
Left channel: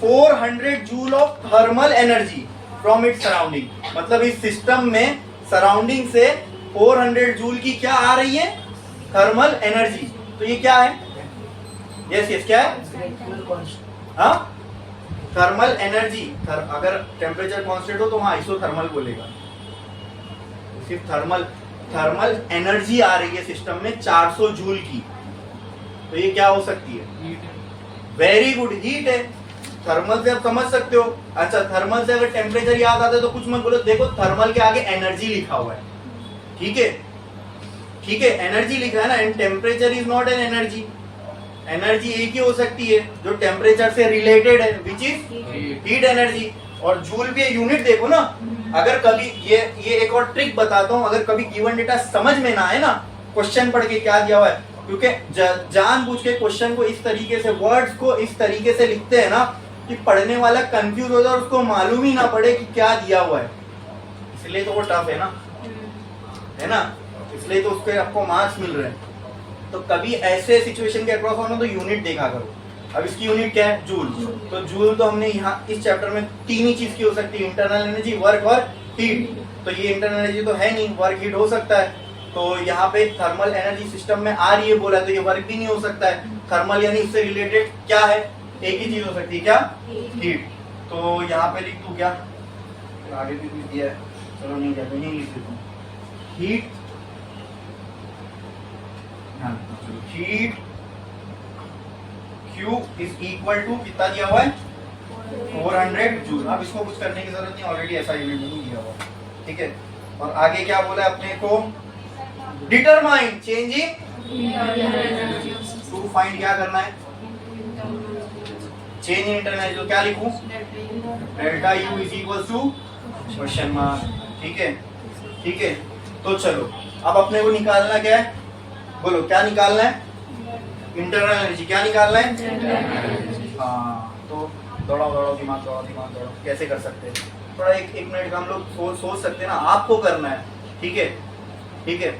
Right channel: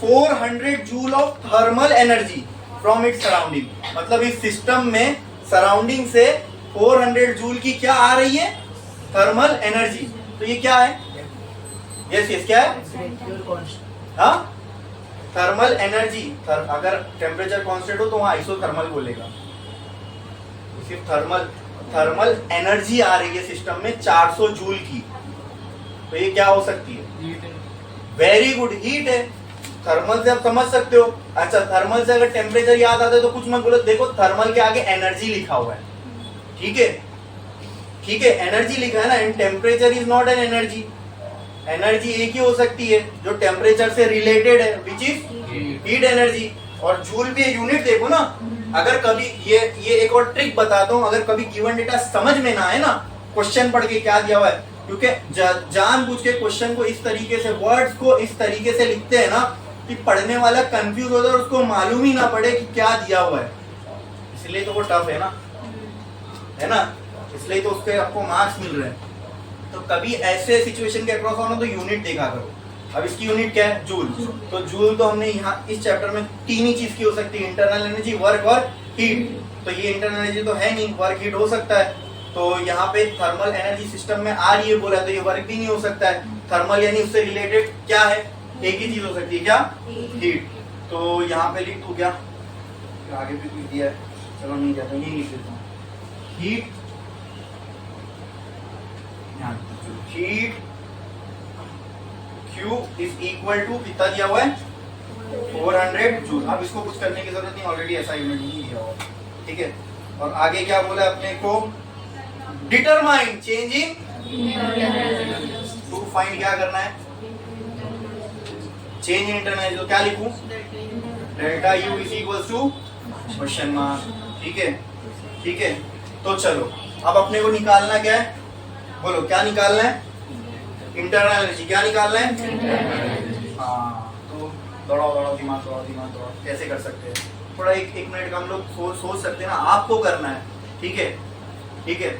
400 joule of thermal energy from its surrounding. मतलब इस सिस्टम में सराउंडिंग से 400 जूल की क्या आ रही है? Thermal energy. तो ये क्या है? यस क्या है? हाँ, थर्मल एनर्जी. अगर टेम्परेचर कांस्टेंट हो तो वहां आइसोथर्मल बोलेगा. सिर्फ थर्मल एनर्जी आ रही है सिस्टम में 400 जूल की. तो ये क्या हो सकती है? वेरी गुड, हीट है. थर्मल से आप समझ सकते हो. अच्छा, थर्मल से अगर टेम्परेचर याद आता है तो कुछ मत बोलो. देखो, थर्मल के आगे एनर्जी लिखा हुआ है. ठीक है, एनर्जी लिखा है ना. And temperature is not an energy. Energy एक ही हो सकती है जो टेम्परेचर से रिलेटेड है, विच इज हीट एनर्जी. और जूल भी यूनिट देखो ना. अगर कभी ये एक और ट्रिक बताता हूँ. अगर कभी गिवन डेटा समझ में ना आए ना, क्वेश्चन पढ़ के क्या दिया हुआ है, क्योंकि जानबूझ के क्वेश्चन को इस तरीके से, वर्ड्स को इस तरीके से लिखते हैं ना कि पढ़ने वाला कंफ्यूज होता है और उसको मालूम ही ना पड़े कि क्या दिया हुआ है. इसलिए तो वो टफ है ना. इसलिए तो उसके आपको मार्क्स मिल रहे हैं. तो कभी ऐसे सिचुएशन के अक्रॉस होना तो यूनिट देखा करो. अब इसकी यूनिट क्या है? जूल. तो जूल तो हमने यहाँ इस चैप्टर में तीन ही चीज की हो सकती है, इंटरनल एनर्जी, वर्क और हीट. तो ये इंटरनल एनर्जी तो है नहीं, वर्क हीट हो सकता है. तो यहाँ पे थर्मल एनर्जी सिस्टम में आ रही है बोला, तो ये वर्क भी नहीं हो सकता है. थर्मल यानी उससे रिलेटेड क्या है? एक ही चीज हो सकती है, क्या? हीट. तो यहाँ पे लिख दूं क्या? आगे भी कुछ दिया है, चलो नहीं जाता, नहीं लिख देता हूँ. Heat Q is equal to कितना दिया हुआ है? 400 जूल. अब इसको कुछ करने की जरूरत नहीं, ऑलरेडी ऐसा यूनिट नहीं दिया हुआ. ठीक है. और आगे क्या बोला अपने को? Determine change in to find क्या करना है? Change in internal. तो क्या लिखूं? Delta U is equal to question mark. ठीक है. तो चलो, अब अपने को निकालना क्या है? बोलो, क्या निकालना है? Internal energy. क्या निकालना है? हाँ, तो दौड़ाओ दिमाग. कैसे कर सकते हैं? थोड़ा एक मिनट का हम लोग सोच सकते हैं ना. आपको करना है. ठीक है.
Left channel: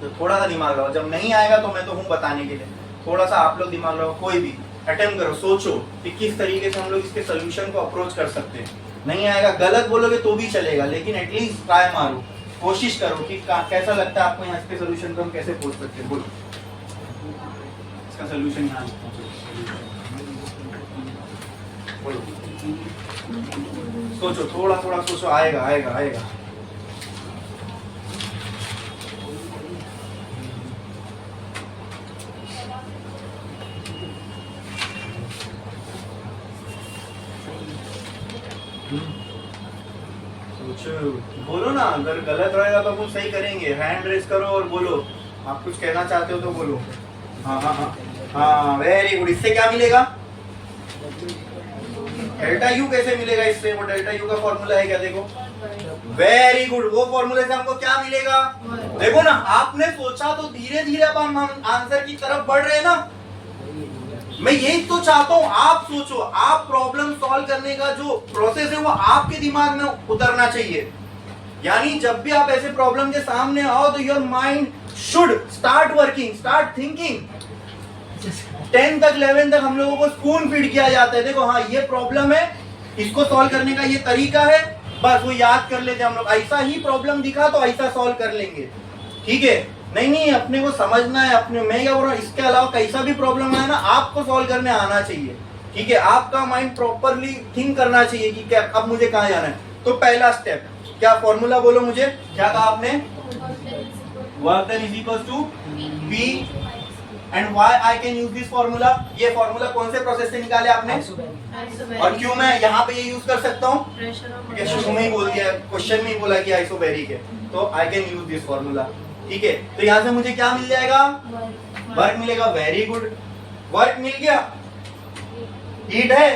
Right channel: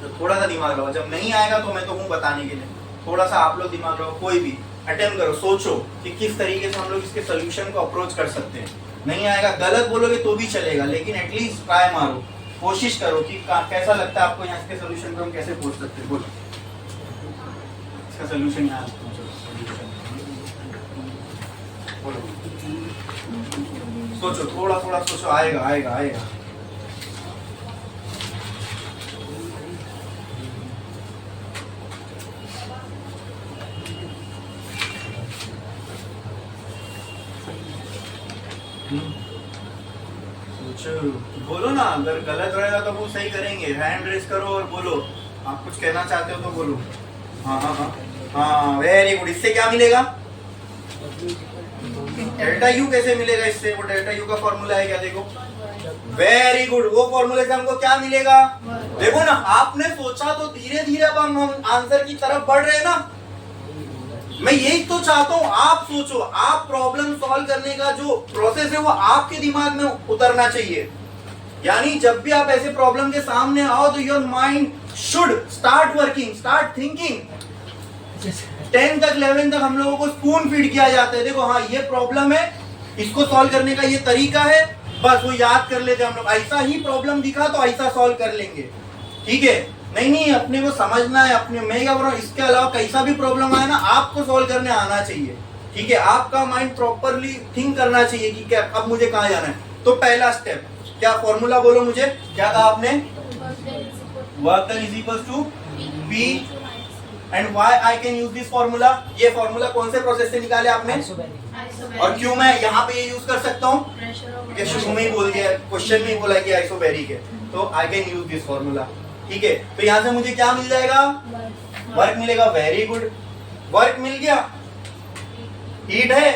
तो थोड़ा सा दिमाग लगाओ. जब नहीं आएगा तो मैं तो हूँ बताने के लिए. थोड़ा सा आप लोग दिमाग लगाओ. कोई भी अटेम्प्ट करो, सोचो कि किस तरीके से हम लोग इसके सोल्यूशन को अप्रोच कर सकते हैं. नहीं आएगा, गलत बोलोगे तो भी चलेगा, लेकिन एटलीस्ट ट्राई मारो, कोशिश करो कि कैसा लगता है आपको यहाँ इसके सोल्यूशन को हम कैसे पहुंच सकते हैं. बोलो, इसका सोल्यूशन यहाँ बोलो. सोचो, थोड़ा सोचो. आएगा. बोलो ना. अगर गलत रहेगा तो वो सही करेंगे. हैंड रेस करो और बोलो. आप कुछ कहना चाहते हो तो बोलो. हाँ, वेरी गुड. इससे क्या मिलेगा? डेल्टा यू कैसे मिलेगा इससे? वो डेल्टा यू का फॉर्मूला है क्या? देखो, वेरी गुड. वो फॉर्मूले से हमको क्या मिलेगा? देखो ना, आपने सोचा तो धीरे धीरे अब हम आंसर की तरफ बढ़ रहे हैं ना. मैं यही तो चाहता हूँ, आप सोचो. आप प्रॉब्लम सॉल्व करने का जो प्रोसेस है वो आपके दिमाग में उतरना चाहिए. यानी जब भी आप ऐसे प्रॉब्लम के सामने आओ तो your mind should start working, start thinking. 10 तक 11 तक हम लोगों को स्पून फीड किया जाता है. देखो, हाँ ये प्रॉब्लम है, इसको सॉल्व करने का ये तरीका है, बस वो याद कर लेते हम लोग. ऐसा ही प्रॉब्लम दिखा तो ऐसा सॉल्व कर लेंगे. ठीक है. नहीं, अपने को समझना है. अपने मैं क्या बोल रहा हूँ, इसके अलावा कैसा भी प्रॉब्लम आए ना, आपको सॉल्व करने आना चाहिए. ठीक है. आपका माइंड प्रॉपरली थिंक करना चाहिए कि क्या अब मुझे कहाँ जाना है. तो पहला स्टेप क्या? फॉर्मूला बोलो मुझे. क्या कहा आपने? Work done is equal to P and why I can use this formula. ये फॉर्मूला कौन से प्रोसेस से निकाले आपने? और क्यों मैं यहाँ पे ये यूज कर सकता हूँ? शुरू में ही बोल दिया, क्वेश्चन में ही बोला कि आइसोबैरिक है, तो आई कैन यूज दिस फॉर्मूला. ठीक है. तो यहाँ से मुझे क्या मिल जाएगा? वर्क मिलेगा. Very good. वर्क मिल गया. हीट है.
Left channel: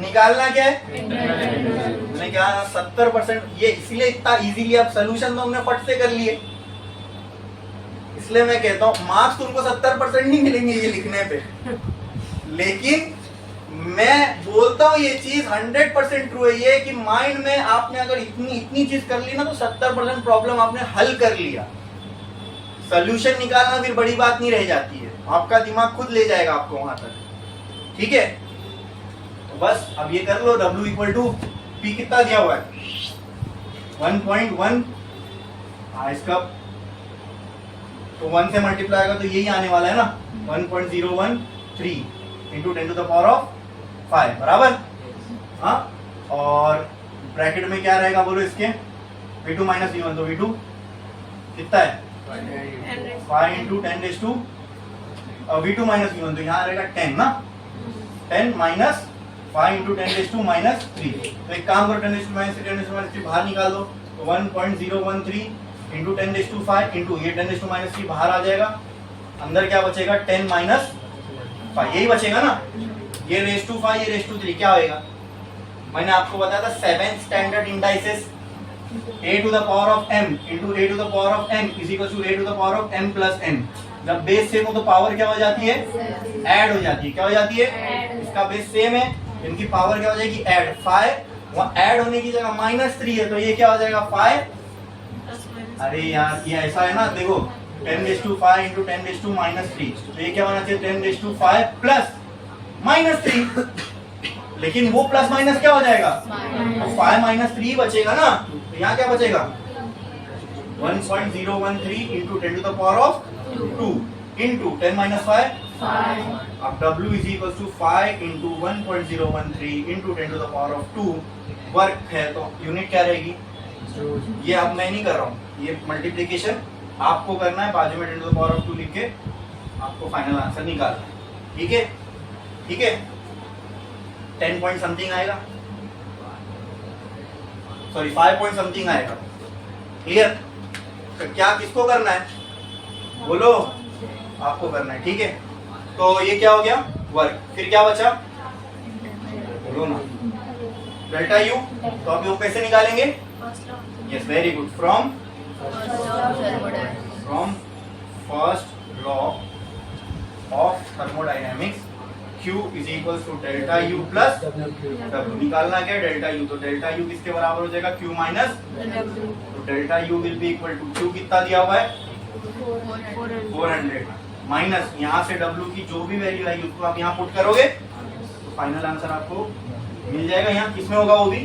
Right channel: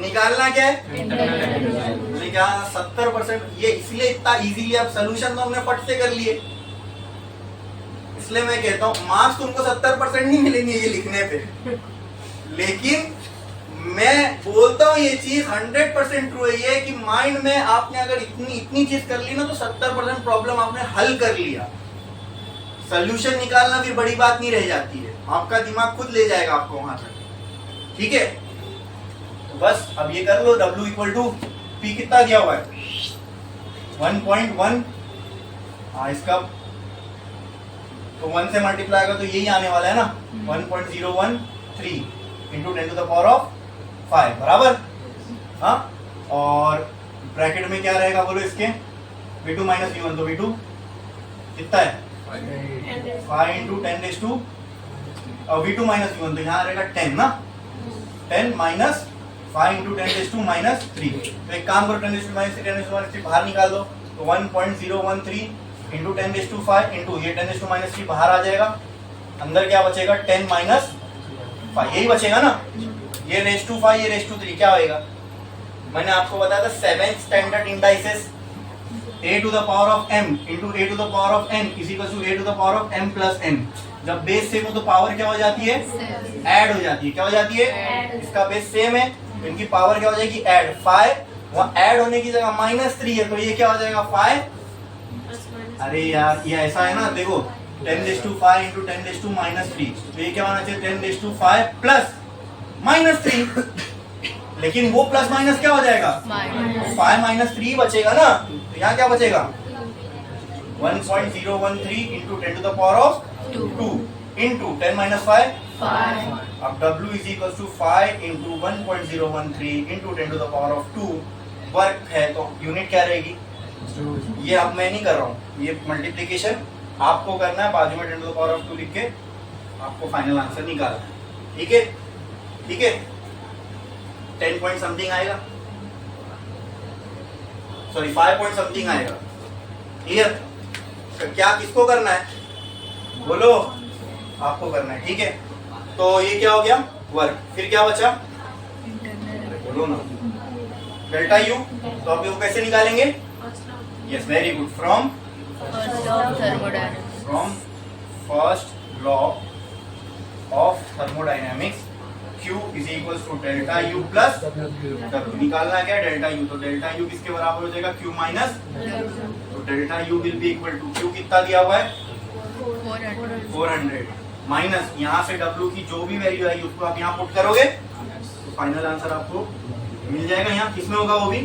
निकालना क्या है? मैंने कहा ना 70%. ये इसलिए इतना इजीली आप सोल्यूशन तो हमने फट से कर लिए. इसलिए मैं कहता हूँ मार्क्स तुमको 70% नहीं मिलेंगे ये लिखने पे. लेकिन मैं बोलता हूँ ये चीज 100% ट्रू है, ये कि माइंड में आपने अगर इतनी इतनी चीज कर ली ना तो 70% प्रॉब्लम आपने हल कर लिया। सोल्यूशन निकालना फिर बड़ी बात नहीं रह जाती है, आपका दिमाग खुद ले जाएगा आपको वहां तक। ठीक है, तो बस अब ये कर लो। W इक्वल टू P कितना दिया हुआ है 1.1, इसका तो 1 से मल्टीप्लाई होगा तो यही आने वाला है ना 1.013 into 10 to the power of 5 बराबर। हाँ, और ब्रैकेट में क्या रहेगा बोलो इसके, V2 माइनस V1, तो V2 कितना है 5 into 10 raise to V2 minus V1, तो यहाँ रहेगा 10 ना, 10 minus 5 into 10 raise to minus 3। तो एक काम करो 10 raise to minus 3 10 raise to minus 3 बाहर निकाल दो, तो 1.013 इंटू 10 रेज़ टू 5 इंटू ये 10 रेज़ टू माइनस 3 बाहर आ जाएगा, अंदर क्या बचेगा 10 माइनस 5, यही बचेगा ना। ये रेज़ टू 5 ये रेज़ टू 3 क्या होएगा, मैंने आपको बताया था 7th standard indices a to the power of m into a to the power of n is equal to a to the power of m plus n। जब बेस सेम हो तो पावर क्या हो जाती है, ऐड हो जाती है। क्या हो जाती है, इसका बेस सेम है तो इनकी पावर क्या हो जाएगी, ऐड। 5 वहाँ ऐड होने की जगह -3 है तो ये क्या हो जाएगा 5। अरे यार ये ऐसा है ना, देखो 10 raise to 5 into 10 raise to -3, तो ये क्या होना चाहिए 10 रेज़ टू 5 प्लस -3, लेकिन वो प्लस माइनस क्या हो जाएगा, 5 माइनस 3 बचेगा ना, तो यहाँ क्या बचेगा 1.013 into 10 to the power of 2 into 10 minus 5। अब W is equal to 5 into 1.013 into 10 to the power of 2 work है, तो यूनिट क्या रहेगी, ये अब मैं नहीं कर रहा हूँ, ये मल्टीप्लीकेशन आपको करना है, बाजू में 10 टू द पावर ऑफ 2 लिख के आपको फाइनल आंसर निकालना है। ठीक है, ठीक है, 10 पॉइंट समथिंग आएगा, सॉरी 5 पॉइंट समथिंग आएगा। क्लियर, तो क्या किसको करना है बोलो, आपको करना है। ठीक है, तो ये क्या हो गया वर्क, फिर क्या बचा बोलो ना, डेल्टा यू। तो अब वो कैसे निकालेंगे, yes very good, from first law of thermodynamics Q is equal to delta U plus W। निकालना क्या डेल्टा U, तो डेल्टा U किसके बराबर हो जाएगा Q माइनस, तो delta U will be equal to Q कितना दिया हुआ है 400 माइनस यहाँ से W की जो भी वैल्यू आएगी उसको आप यहाँ पुट करोगे तो फाइनल आंसर आपको मिल जाएगा। यहाँ किसमें होगा वो भी,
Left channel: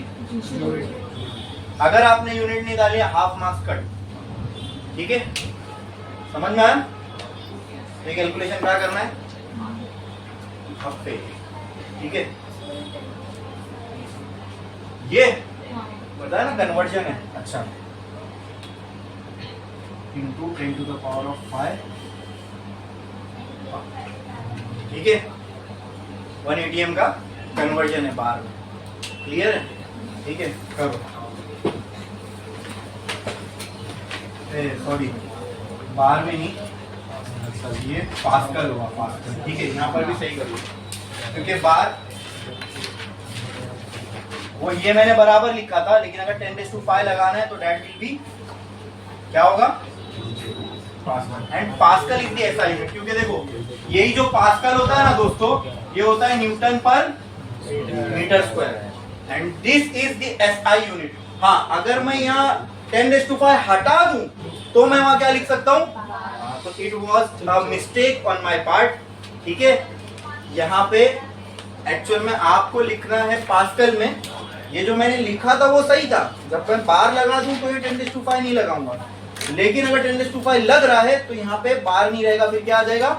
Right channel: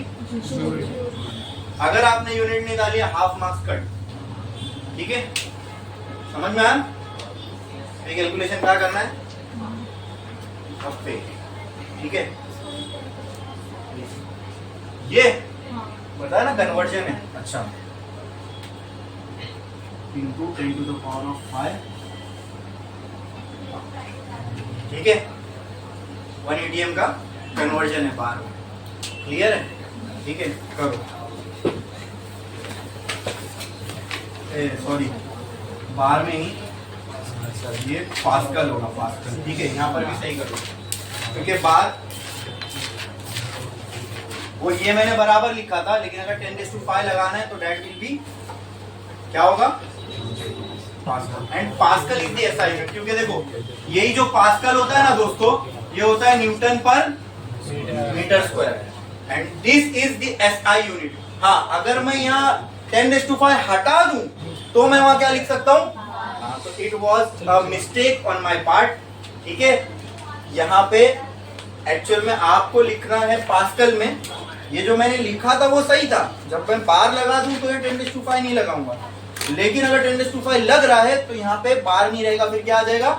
अगर आपने यूनिट निकाली है हाफ मार्क्स कट। ठीक है, समझ में आया, ये कैलकुलेशन क्या करना है हफ्ते। ठीक है, ये बताया ना कन्वर्जन है। अच्छा, into 10 to the power of 5, ठीक है, 1 ATM का कन्वर्जन है बार में। क्लियर है, ठीक है, करो, सॉरी बार में ही, ये पास्कल होगा, पास्कल। ठीक है, यहाँ पर भी सही कर लो, क्योंकि बार वो ये मैंने बराबर लिखा था, लेकिन अगर 10⁵ लगाना है तो डेट विल बी क्या होगा pascal. And pascal is the SI unit, क्योंकि देखो यही जो पास्कल होता है ना दोस्तों, ये होता है न्यूटन पर metre square, and this is the SI unit. हाँ, अगर मैं यहाँ 10⁵ हटा दूं तो मैं वहां क्या लिख सकता हूँ, तो it was a mistake on my part. ठीक है, यहाँ पे एक्चुअल में आपको लिखना है पास्कल में, ये जो मैंने लिखा था वो सही था, जब मैं बार लगा दूं तो ये 10⁵ नहीं लगाऊंगा, लेकिन अगर 10⁵ लग रहा है तो यहाँ पे बार नहीं रहेगा, फिर क्या आ जाएगा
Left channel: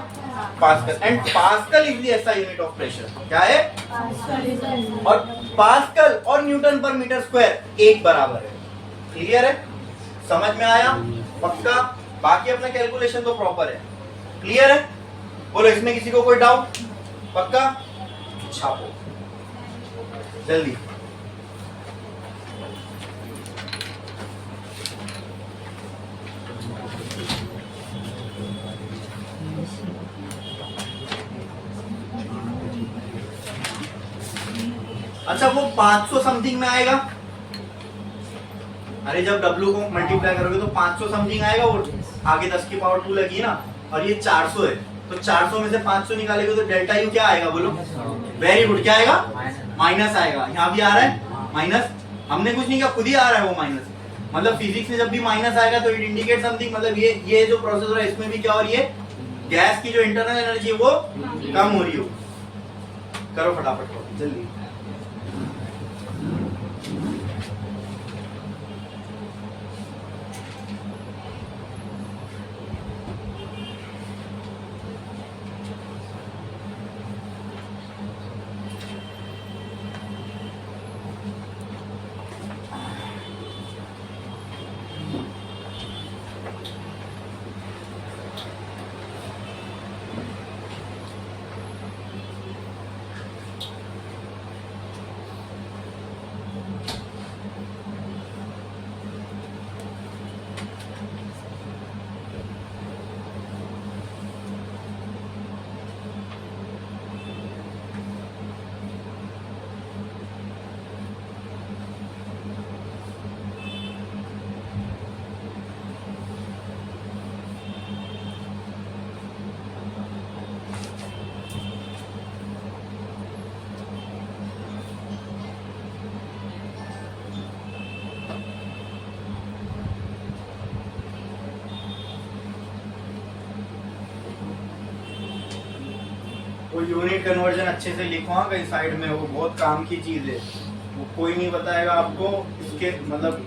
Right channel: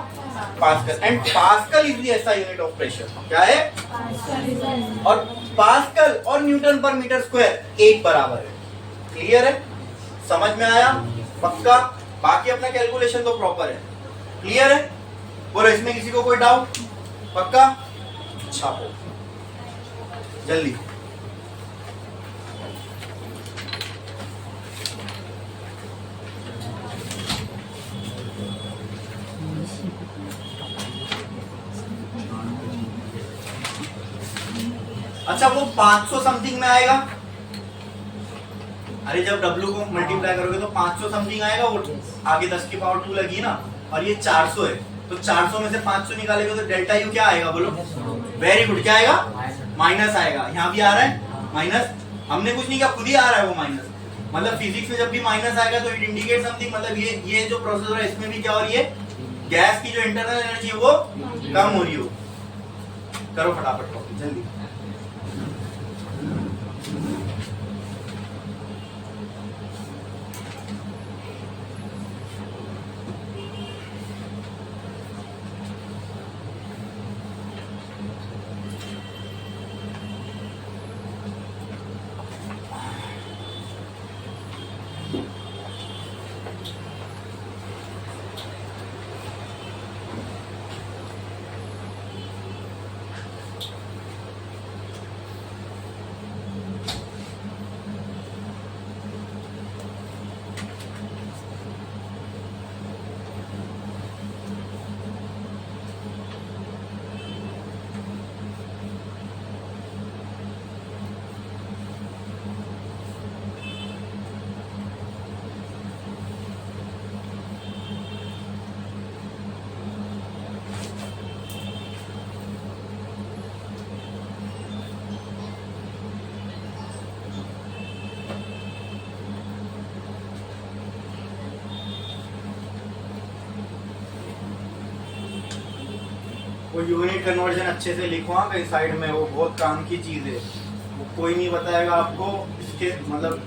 pascal. And pascal is the SI unit of pressure. क्या है, और पास्कल और न्यूटन पर मीटर स्क्वायर एक बराबर है। क्लियर है, समझ में आया पक्का, बाकी अपना कैलकुलेशन तो प्रॉपर है। क्लियर है, बोलो इसमें किसी को कोई डाउट, पक्का छापो जल्दी। अच्छा, वो 500 समथिंग में आएगा, अरे जब W को मल्टीप्लाई करोगे तो 500 समथिंग आएगा, वो आगे 10 की पावर 2 लगी है ना, और ये 400 है, तो 400 में से 500 निकालेंगे तो डेल्टा यू क्या आएगा बोलो? वेरी गुड, क्या आएगा? माइनस आएगा। यहाँ भी आ रहा है माइनस, हमने कुछ नहीं किया, खुद ही आ रहा है वो माइनस। मतलब फिजिक्स में जब भी माइनस आएगा तो इट इंडिकेट समथिंग, मतलब ये जो प्रोसेस हो रहा है इसमें भी क्या हो रही है? गैस की जो इंटरनल एनर्जी है वो कम हो रही हो। करो फटाफट कॉपी जल्दी। वो यूनिट कन्वर्जन अच्छे से लिखो हाँ कहीं साइड में, वो बहुत काम की चीज है। वो कोई नहीं बताएगा आपको इसके, मतलब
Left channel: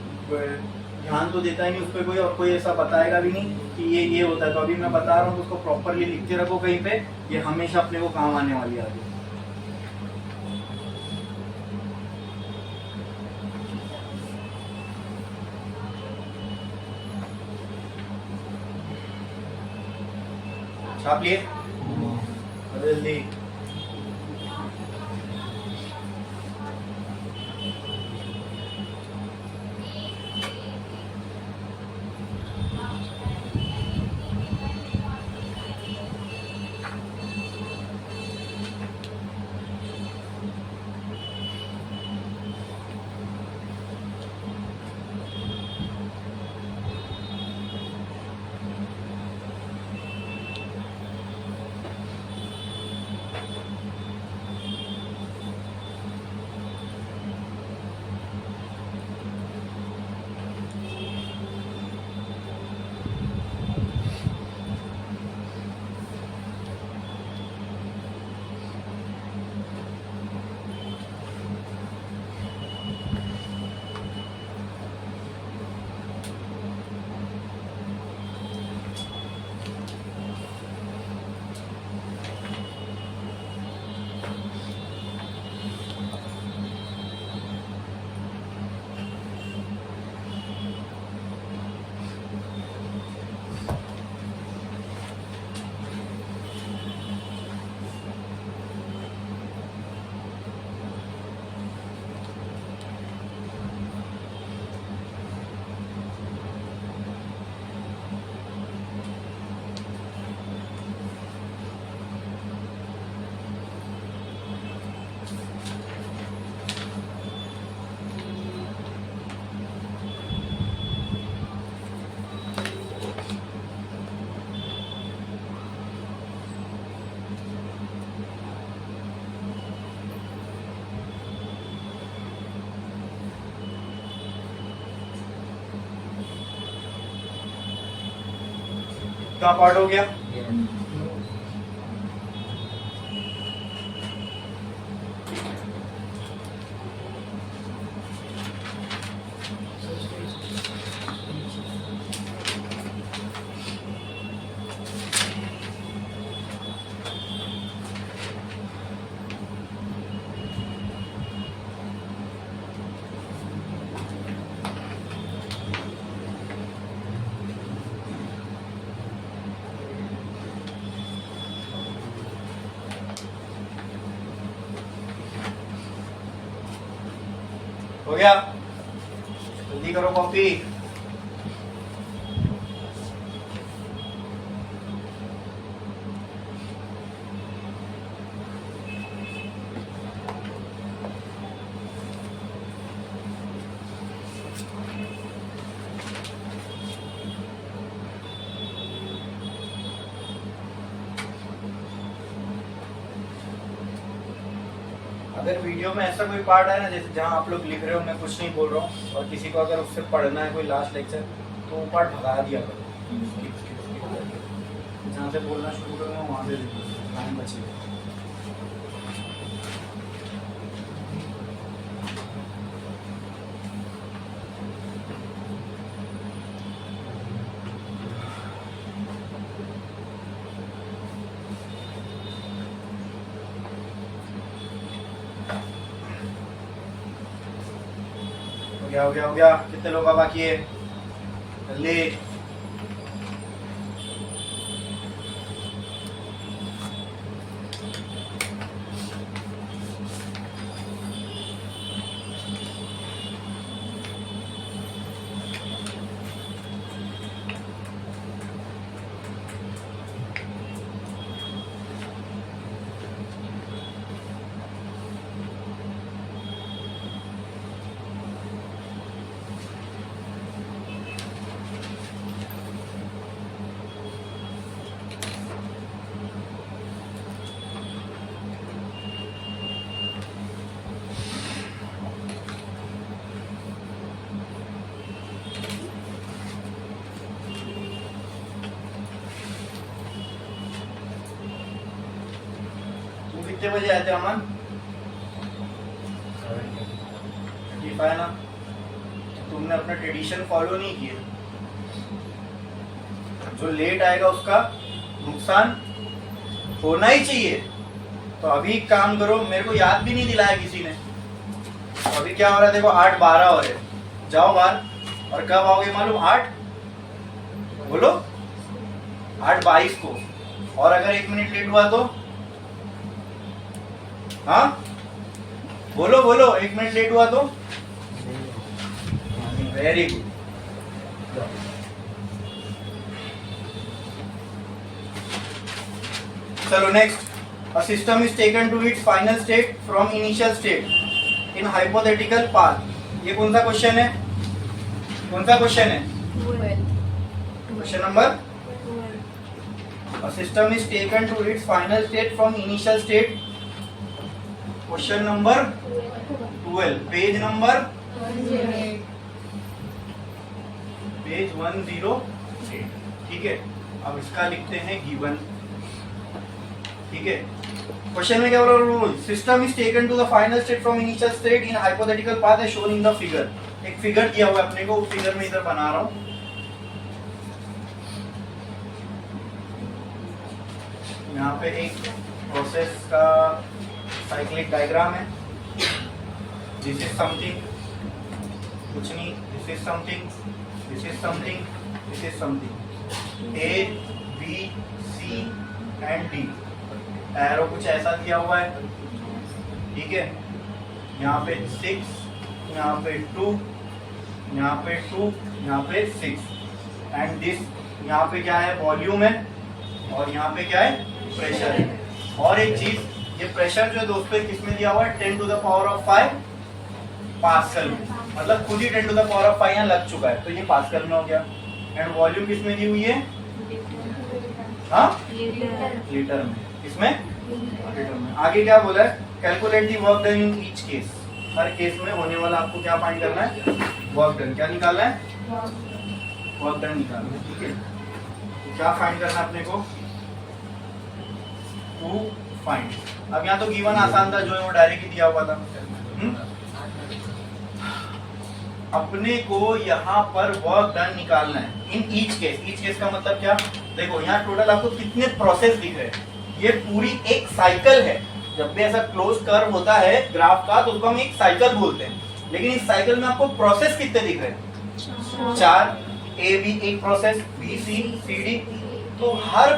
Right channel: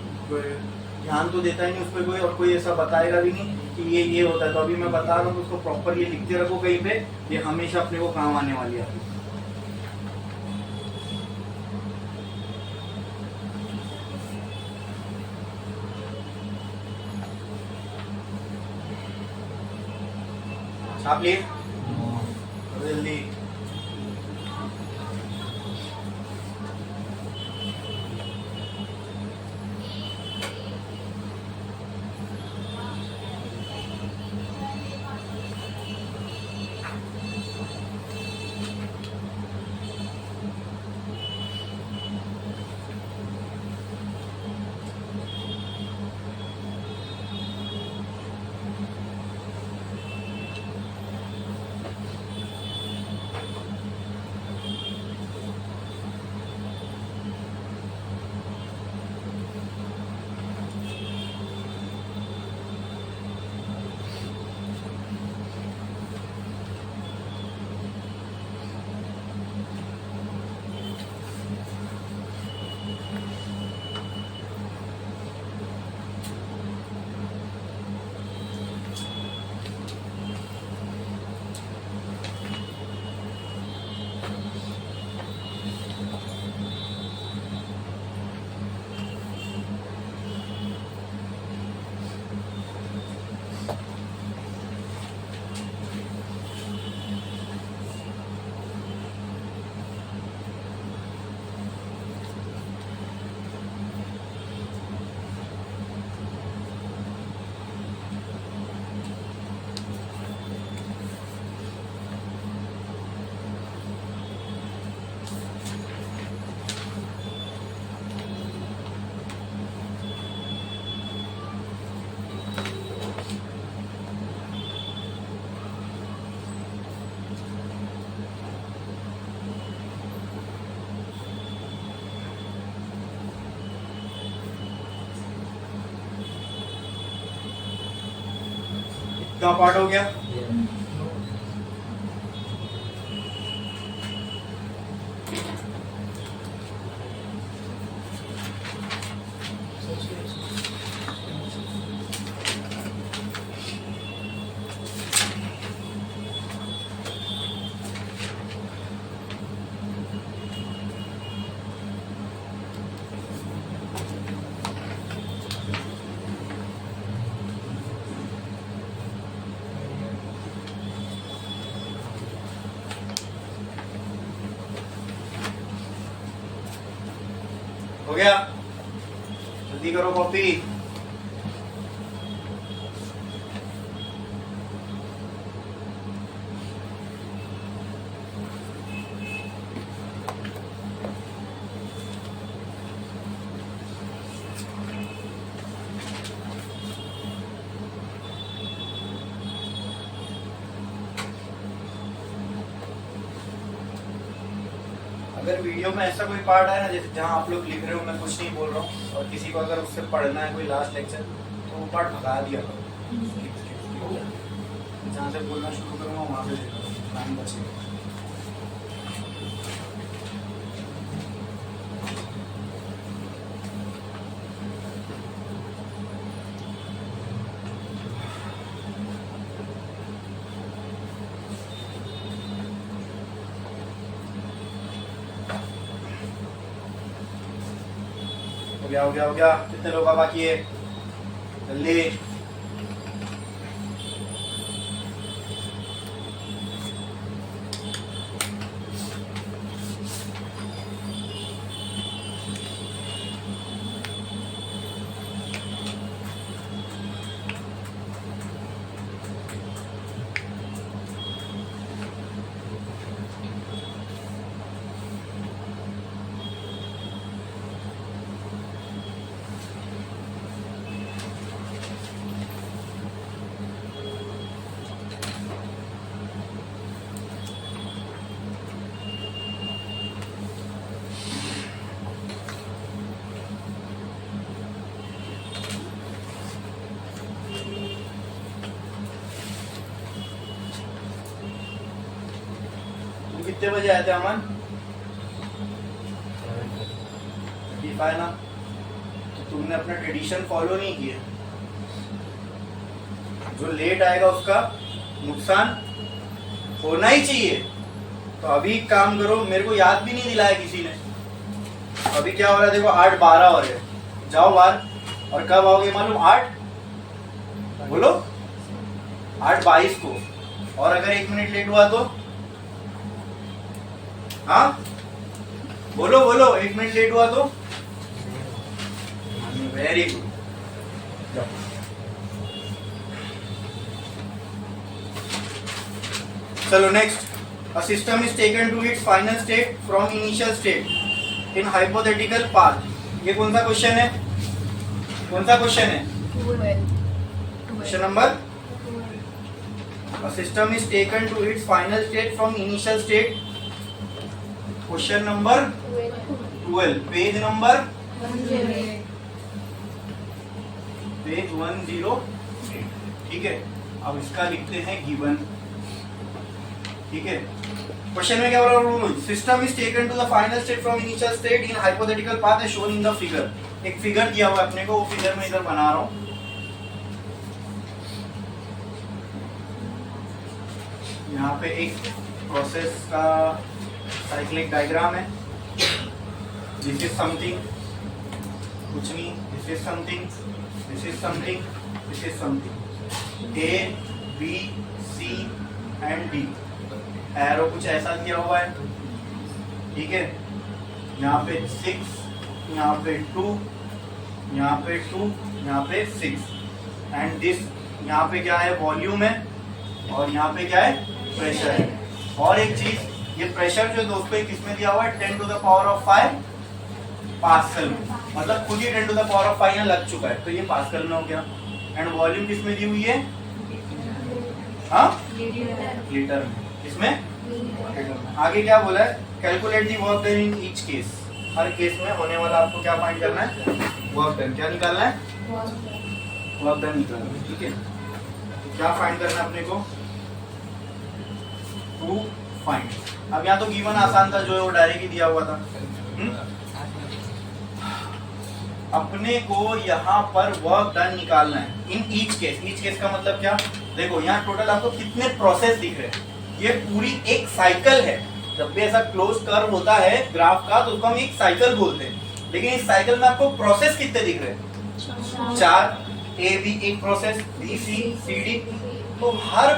ध्यान तो देता ही नहीं उस पर कोई, और कोई ऐसा बताएगा भी नहीं कि ये होता है। तो अभी मैं बता रहा हूँ तो उसको प्रॉपरली लिखते रखो कहीं पे, ये हमेशा अपने को काम आने वाली है अभी। छाप लिए जल्दी। कितना पार्ट हो गया? हो गया? जल्दी करो कॉपी। अगर वीडियो में ऐसा कोई पार्ट है ना जैसे जहाँ आप लोग लिख रहे हो मैं कुछ नहीं बोल रहा हूँ और किसी को अगर उससे पढ़ना है कोई लास्ट लेक्चर तो वो पार्ट भगा दिया करो। जहाँ से बोलना शुरू करूँगा वहाँ से लाइन बचेगा। हो गया कितने लोग बाकी है जल्दी। कितने बजे आए थे अमन? ठीक है ना, तो तुमने अपना ट्रेडिशन फॉलो नहीं किया। जो लेट आएगा उसका नुकसान होना ही चाहिए। तो अभी एक काम करो, मेरे को याद भी नहीं दिलाया किसी ने। अभी क्या हो रहा है देखो, 8:12 हो रहे, जाओ बाहर। और कब आओगे मालूम? 8 बोलो 8:22 को। और अगर 1 मिनट लेट हुआ तो हाँ बोलो 1 मिनट लेट हुआ तो वेरी गुड। चलो next, a system is taken to its final state from initial state in hypothetical path। ये कौन सा क्वेश्चन है? कौन सा क्वेश्चन है? Question number. a system is taken to its final state from initial state, question number 12, page number page 108। ठीक है, अब इसका लिखते हैं गिवन। ठीक है, क्वेश्चन में क्या बोल रहा हूँ? System is taken to the final state from initial state in hypothetical path as shown in the figure. एक फिगर दिया हुआ अपने को, वो फिगर में इधर बना रहा हूँ। यहाँ पे एक प्रोसेस का साइक्लिक डायग्राम है। दिस इज समथिंग, कुछ नहीं, this is something, this is something, this is something. A B C and D, arrow कुछ ऐसा दिया हुआ है। ठीक है, यहाँ पे 6, यहाँ पे 2, यहाँ पे 2, यहाँ पे 6 एंड दिस, यहाँ पे क्या है? वॉल्यूम है और यहाँ पे क्या है? प्रेशर है। और एक चीज, ये प्रेशर जो दोस्तों किस में दिया हुआ है? 10 to the power of 5 pascal में, मतलब खुद ही 10 to the power of 5 यहाँ लग चुका है, तो ये पास्कल में हो गया। एंड वॉल्यूम किस में दी हुई है? हाँ, लीटर में। इसमें लीटर में। आगे क्या बोला है? Calculate the work done in each case. Her case में होने वाला आपको क्या फाइंड करना है? Work done. क्या निकालना है? वर्क डन निकालना है। ठीक है, तो क्या फाइंड करना है अपने को? To find. अब यहाँ तो गिवन आसान था, जो है वो डायरेक्ट ही दिया हुआ था। अपने को यहाँ पर वर्क डन निकालना है इन ईच केस। ईच केस का मतलब क्या? देखो यहाँ टोटल आपको कितने प्रोसेस दिख रहे हैं। ये पूरी एक साइकिल है। जब भी ऐसा क्लोज कर्व होता है ग्राफ का तो उसको हम एक साइकिल बोलते हैं। लेकिन इस साइकिल में आपको प्रोसेस कितने दिख रहे हैं? 4। ए बी एक process, B C C D. तो हर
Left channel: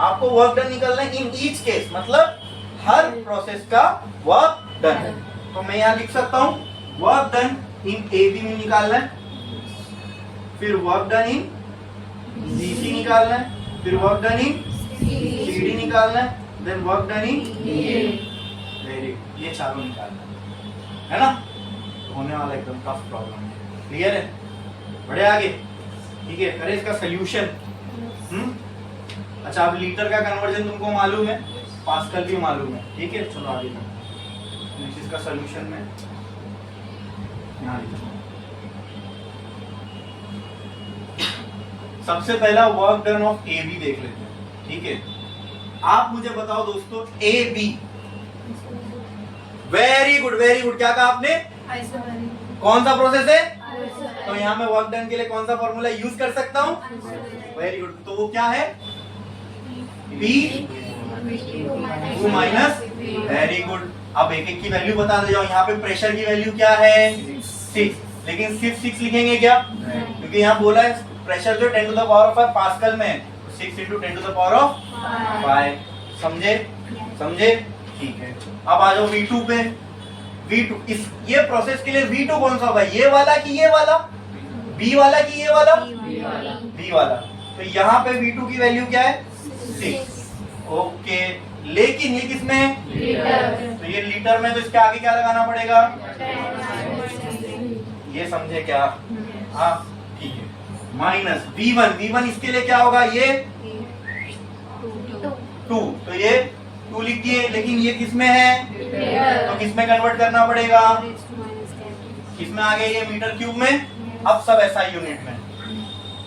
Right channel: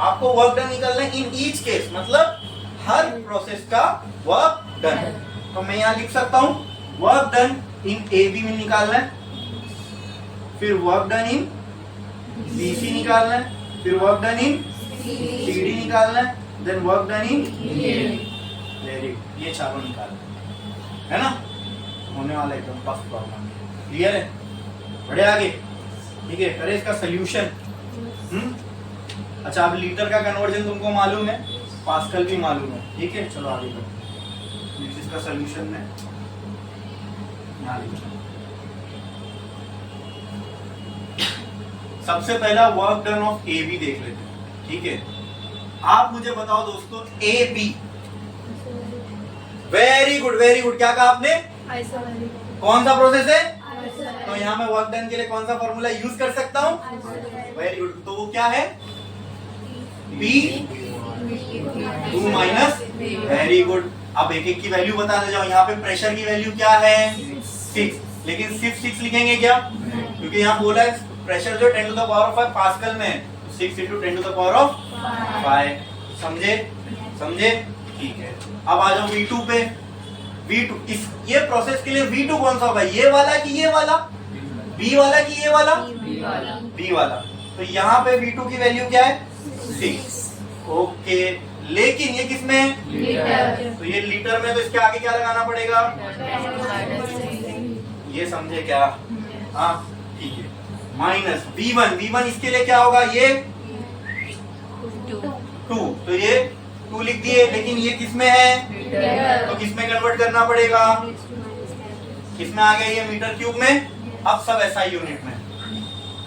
आपको वर्क डन निकालना है इन ईच केस, मतलब हर प्रोसेस का वर्क डन। तो मैं यहाँ लिख सकता हूँ work done in A B में निकालना है, फिर work done in B C निकालना है, फिर work done in C D निकालना है, then work done in very good. ये चारों निकालना है ना, होने वाला एकदम फर्स्ट प्रॉब्लम। क्लियर है? बढ़े आगे। ठीक है, अरे इसका सोल्यूशन। अच्छा, अब लीटर का कन्वर्जन तुमको मालूम है, पास्कल भी मालूम है। ठीक है, चलो आगे बढ़ो। इसका सोल्यूशन में यहाँ लिखूं। सबसे पहला work done of A B देख लेते हैं, ठीक है। आप मुझे बताओ दोस्तों, A B, very good very good. क्या कहा आपने? कौन सा प्रोसेस है? तो यहाँ मैं वर्क डन के लिए कौन सा फॉर्मूला यूज कर सकता हूँ? Very good. तो वो क्या है? P 2 minus, very good. अब एक एक की वैल्यू बता दे जाओ। यहाँ पे प्रेशर की वैल्यू क्या है? 6, लेकिन सिर्फ 6 लिखेंगे क्या? क्योंकि यहाँ बोला है प्रेशर जो 10 to the power of 5 pascal में है, 6 into 10 to the power of 5। समझे? समझे? ठीक है। अब आ जाओ V2 पे। V2 इस ये प्रोसेस के लिए V2 कौन सा होगा? ये वाला कि ये वाला? B वाला कि ये वाला? B वाला। तो यहाँ पे V2 की वैल्यू क्या है? 6। ओके, लेकिन ये किसमें है? तो ये लीटर में, तो इसके आगे क्या लगाना पड़ेगा? ये समझे क्या? हाँ ठीक है। माइनस V1 इसके लिए क्या होगा? ये 2, तो ये 2 लिख दिए, लेकिन ये किसमें है? तो किसमें कन्वर्ट करना पड़ेगा? किसमें आ गया? ये मीटर क्यूब में। अब सब SI यूनिट में।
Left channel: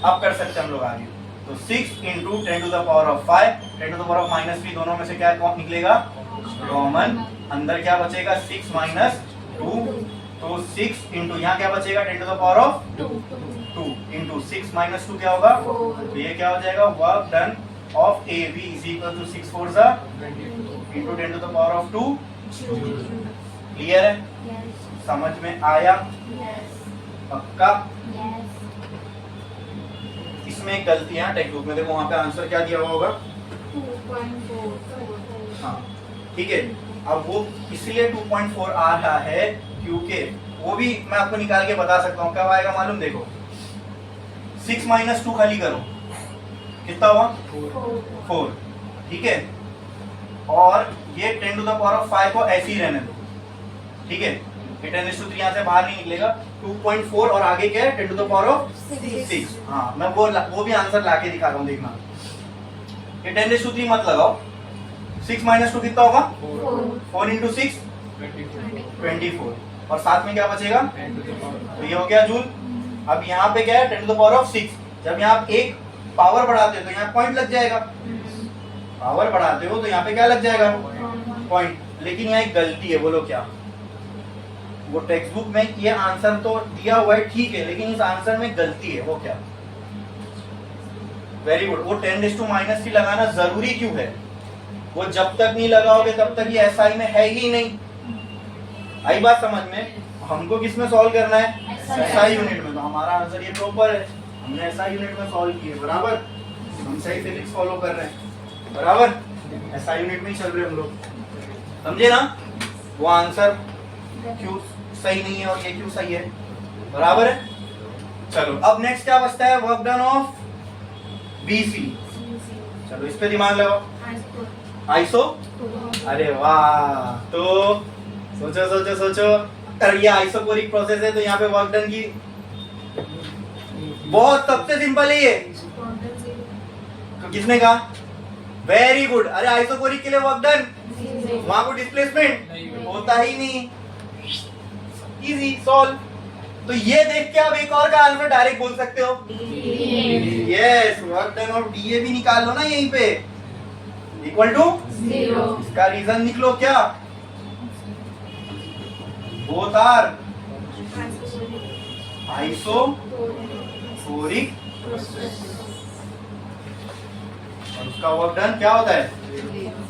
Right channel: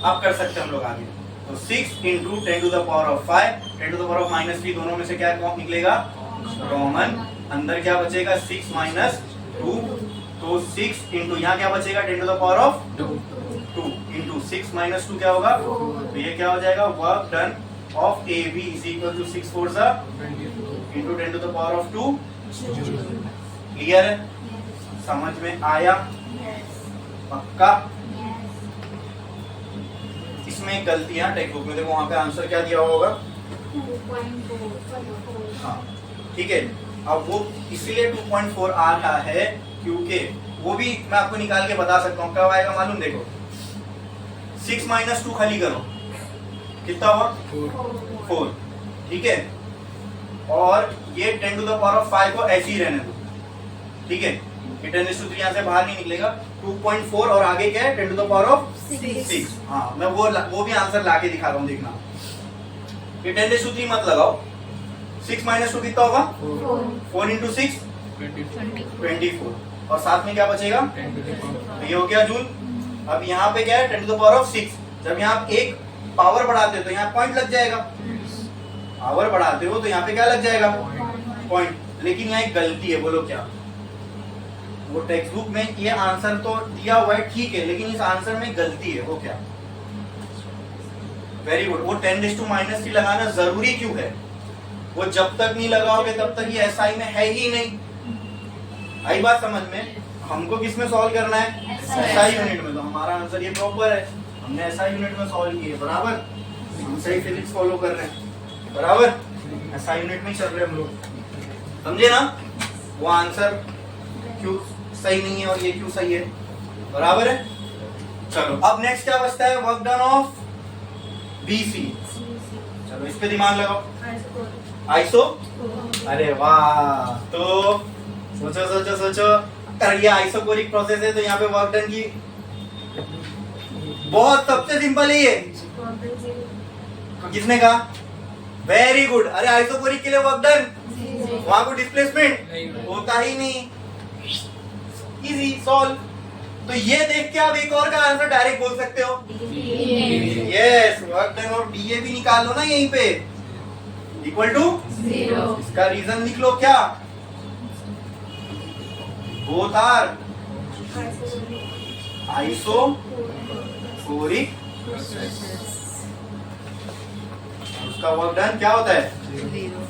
अब कर सकते हम लोग आगे। तो 6 into 10 to the power of 5, 10 to the power of -3, दोनों में से क्या निकलेगा? कॉमन। अंदर क्या बचेगा? 6 माइनस 2, तो 6 इंटू यहाँ क्या बचेगा? 10 to the power of 2 into 6 minus 2 क्या होगा? तो ये क्या हो जाएगा? Work done of A B is equal to 6 4 into 10 to the power of 2। Clear है? समझ में आया? पक्का? इसमें गलतियां टेक्स्ट बुक में देखो, वहां पे आंसर क्या दिया हुआ होगा? 2.4। हाँ ठीक है। अब वो इसलिए 2.4 आ रहा है क्योंकि वो भी मैं आपको निकाल के बता सकता हूँ। कब आएगा मालूम? देखो 6 माइनस 2 खाली करो, कितना हुआ? 4। ठीक है। और ये 10 टू द पावर ऑफ 5 को ऐसे ही रहने दो, ठीक है। ये 10⁻³ यहाँ से बाहर नहीं निकलेगा। 2.4 और आगे क्या है? 10 टू द पावर ऑफ 6। हाँ मैं वो भी आंसर लाके दिखा रहा हूँ, देखना। ये 10⁻³ मत लगाओ। 6 माइनस 2 कितना होगा? 4 इंटू 6 24, और साथ में क्या बचेगा? तो ये हो गया जूल। अब यहाँ पे क्या है? 10 टू द पावर ऑफ 6। जब यहाँ आप एक पावर बढ़ाते हो तो यहाँ पॉइंट लग जाएगा। पावर बढ़ाते हो तो यहाँ पे क्या लग जाएगा? पॉइंट। लेकिन यहाँ एक गलती है, बोलो क्या? वो टेक्स्ट बुक में ये आंसर तो दिया हुआ है, ठीक है, लेकिन इस आंसर में गलती है। वो क्या? Very good. वो 10⁻³ लगाना जरूरी क्यों है? वो जब तक नहीं लगाओगे तब तक ये SI में है ही नहीं। आई बात समझ में? हमको किस में सॉल्व करना है? SI यूनिट में। तो हमारा आंसर ये प्रॉपर है, हमने SI यूनिट में सॉल्व किए। बराबर? हम सही फिजिक्स फॉलो कर रहे हैं। बराबर? SI यूनिट में चल रहे हम लोग। समझे ना? वो आंसर क्यों सही नहीं है और ये क्यों सही है? बराबर है? चलो अब नेक्स्ट क्या बचता है? Work done of BC। चलो इस पे दिमाग लगाओ। आइसो। अरे वाह, तो सोचो सोचो सोचो। अरे ये आइसोकोरिक प्रोसेस है, तो यहाँ पे वर्क डन की बहुत सबसे सिंपल है ये। किसने कहा? Very good. अरे आइसोकोरिक के लिए वर्क डन, वहां को डिस्प्लेसमेंट होता ही नहीं। Easy solve. तो ये देख के आप एक और का आंसर डायरेक्ट बोल सकते हो। यस, वर्क डन और डीए भी निकाल लो ना यहीं पे, इक्वल टू 0। इसका रीजन लिख लो क्या? Both are isochoric. उसका वर्क डन क्या होता है?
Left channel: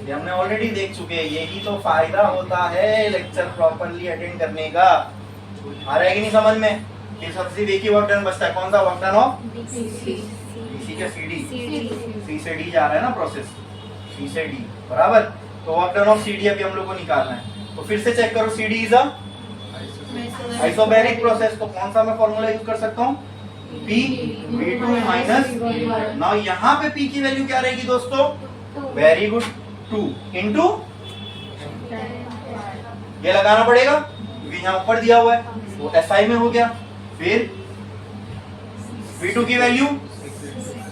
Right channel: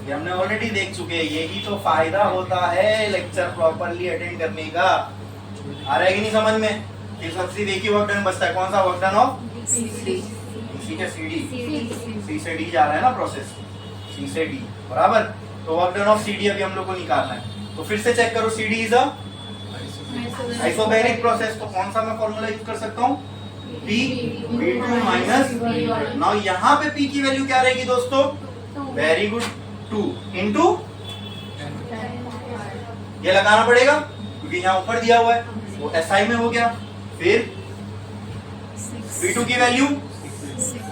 ये हमने ऑलरेडी देख चुके हैं। यही तो फायदा होता है लेक्चर प्रॉपरली अटेंड करने का। आ रहा है कि नहीं समझ में? ये सबसे एक ही वर्क डन बचता है। कौन सा? वर्क डन ऑफ BC के CD। C से D जा रहा है ना प्रोसेस, C से D। बराबर? तो वर्क डन ऑफ CD अभी हम लोग को निकालना है। तो फिर से चेक करो, CD is a isobaric process. तो कौन सा मैं फॉर्मूला यूज कर सकता हूँ? P V2 minus. नाउ यहाँ पे P की वैल्यू क्या रहेगी दोस्तों? वेरी गुड, 2 इंटू ये लगाना पड़ेगा क्योंकि यहाँ ऊपर दिया हुआ है, वो SI में हो गया। फिर V2 की वैल्यू,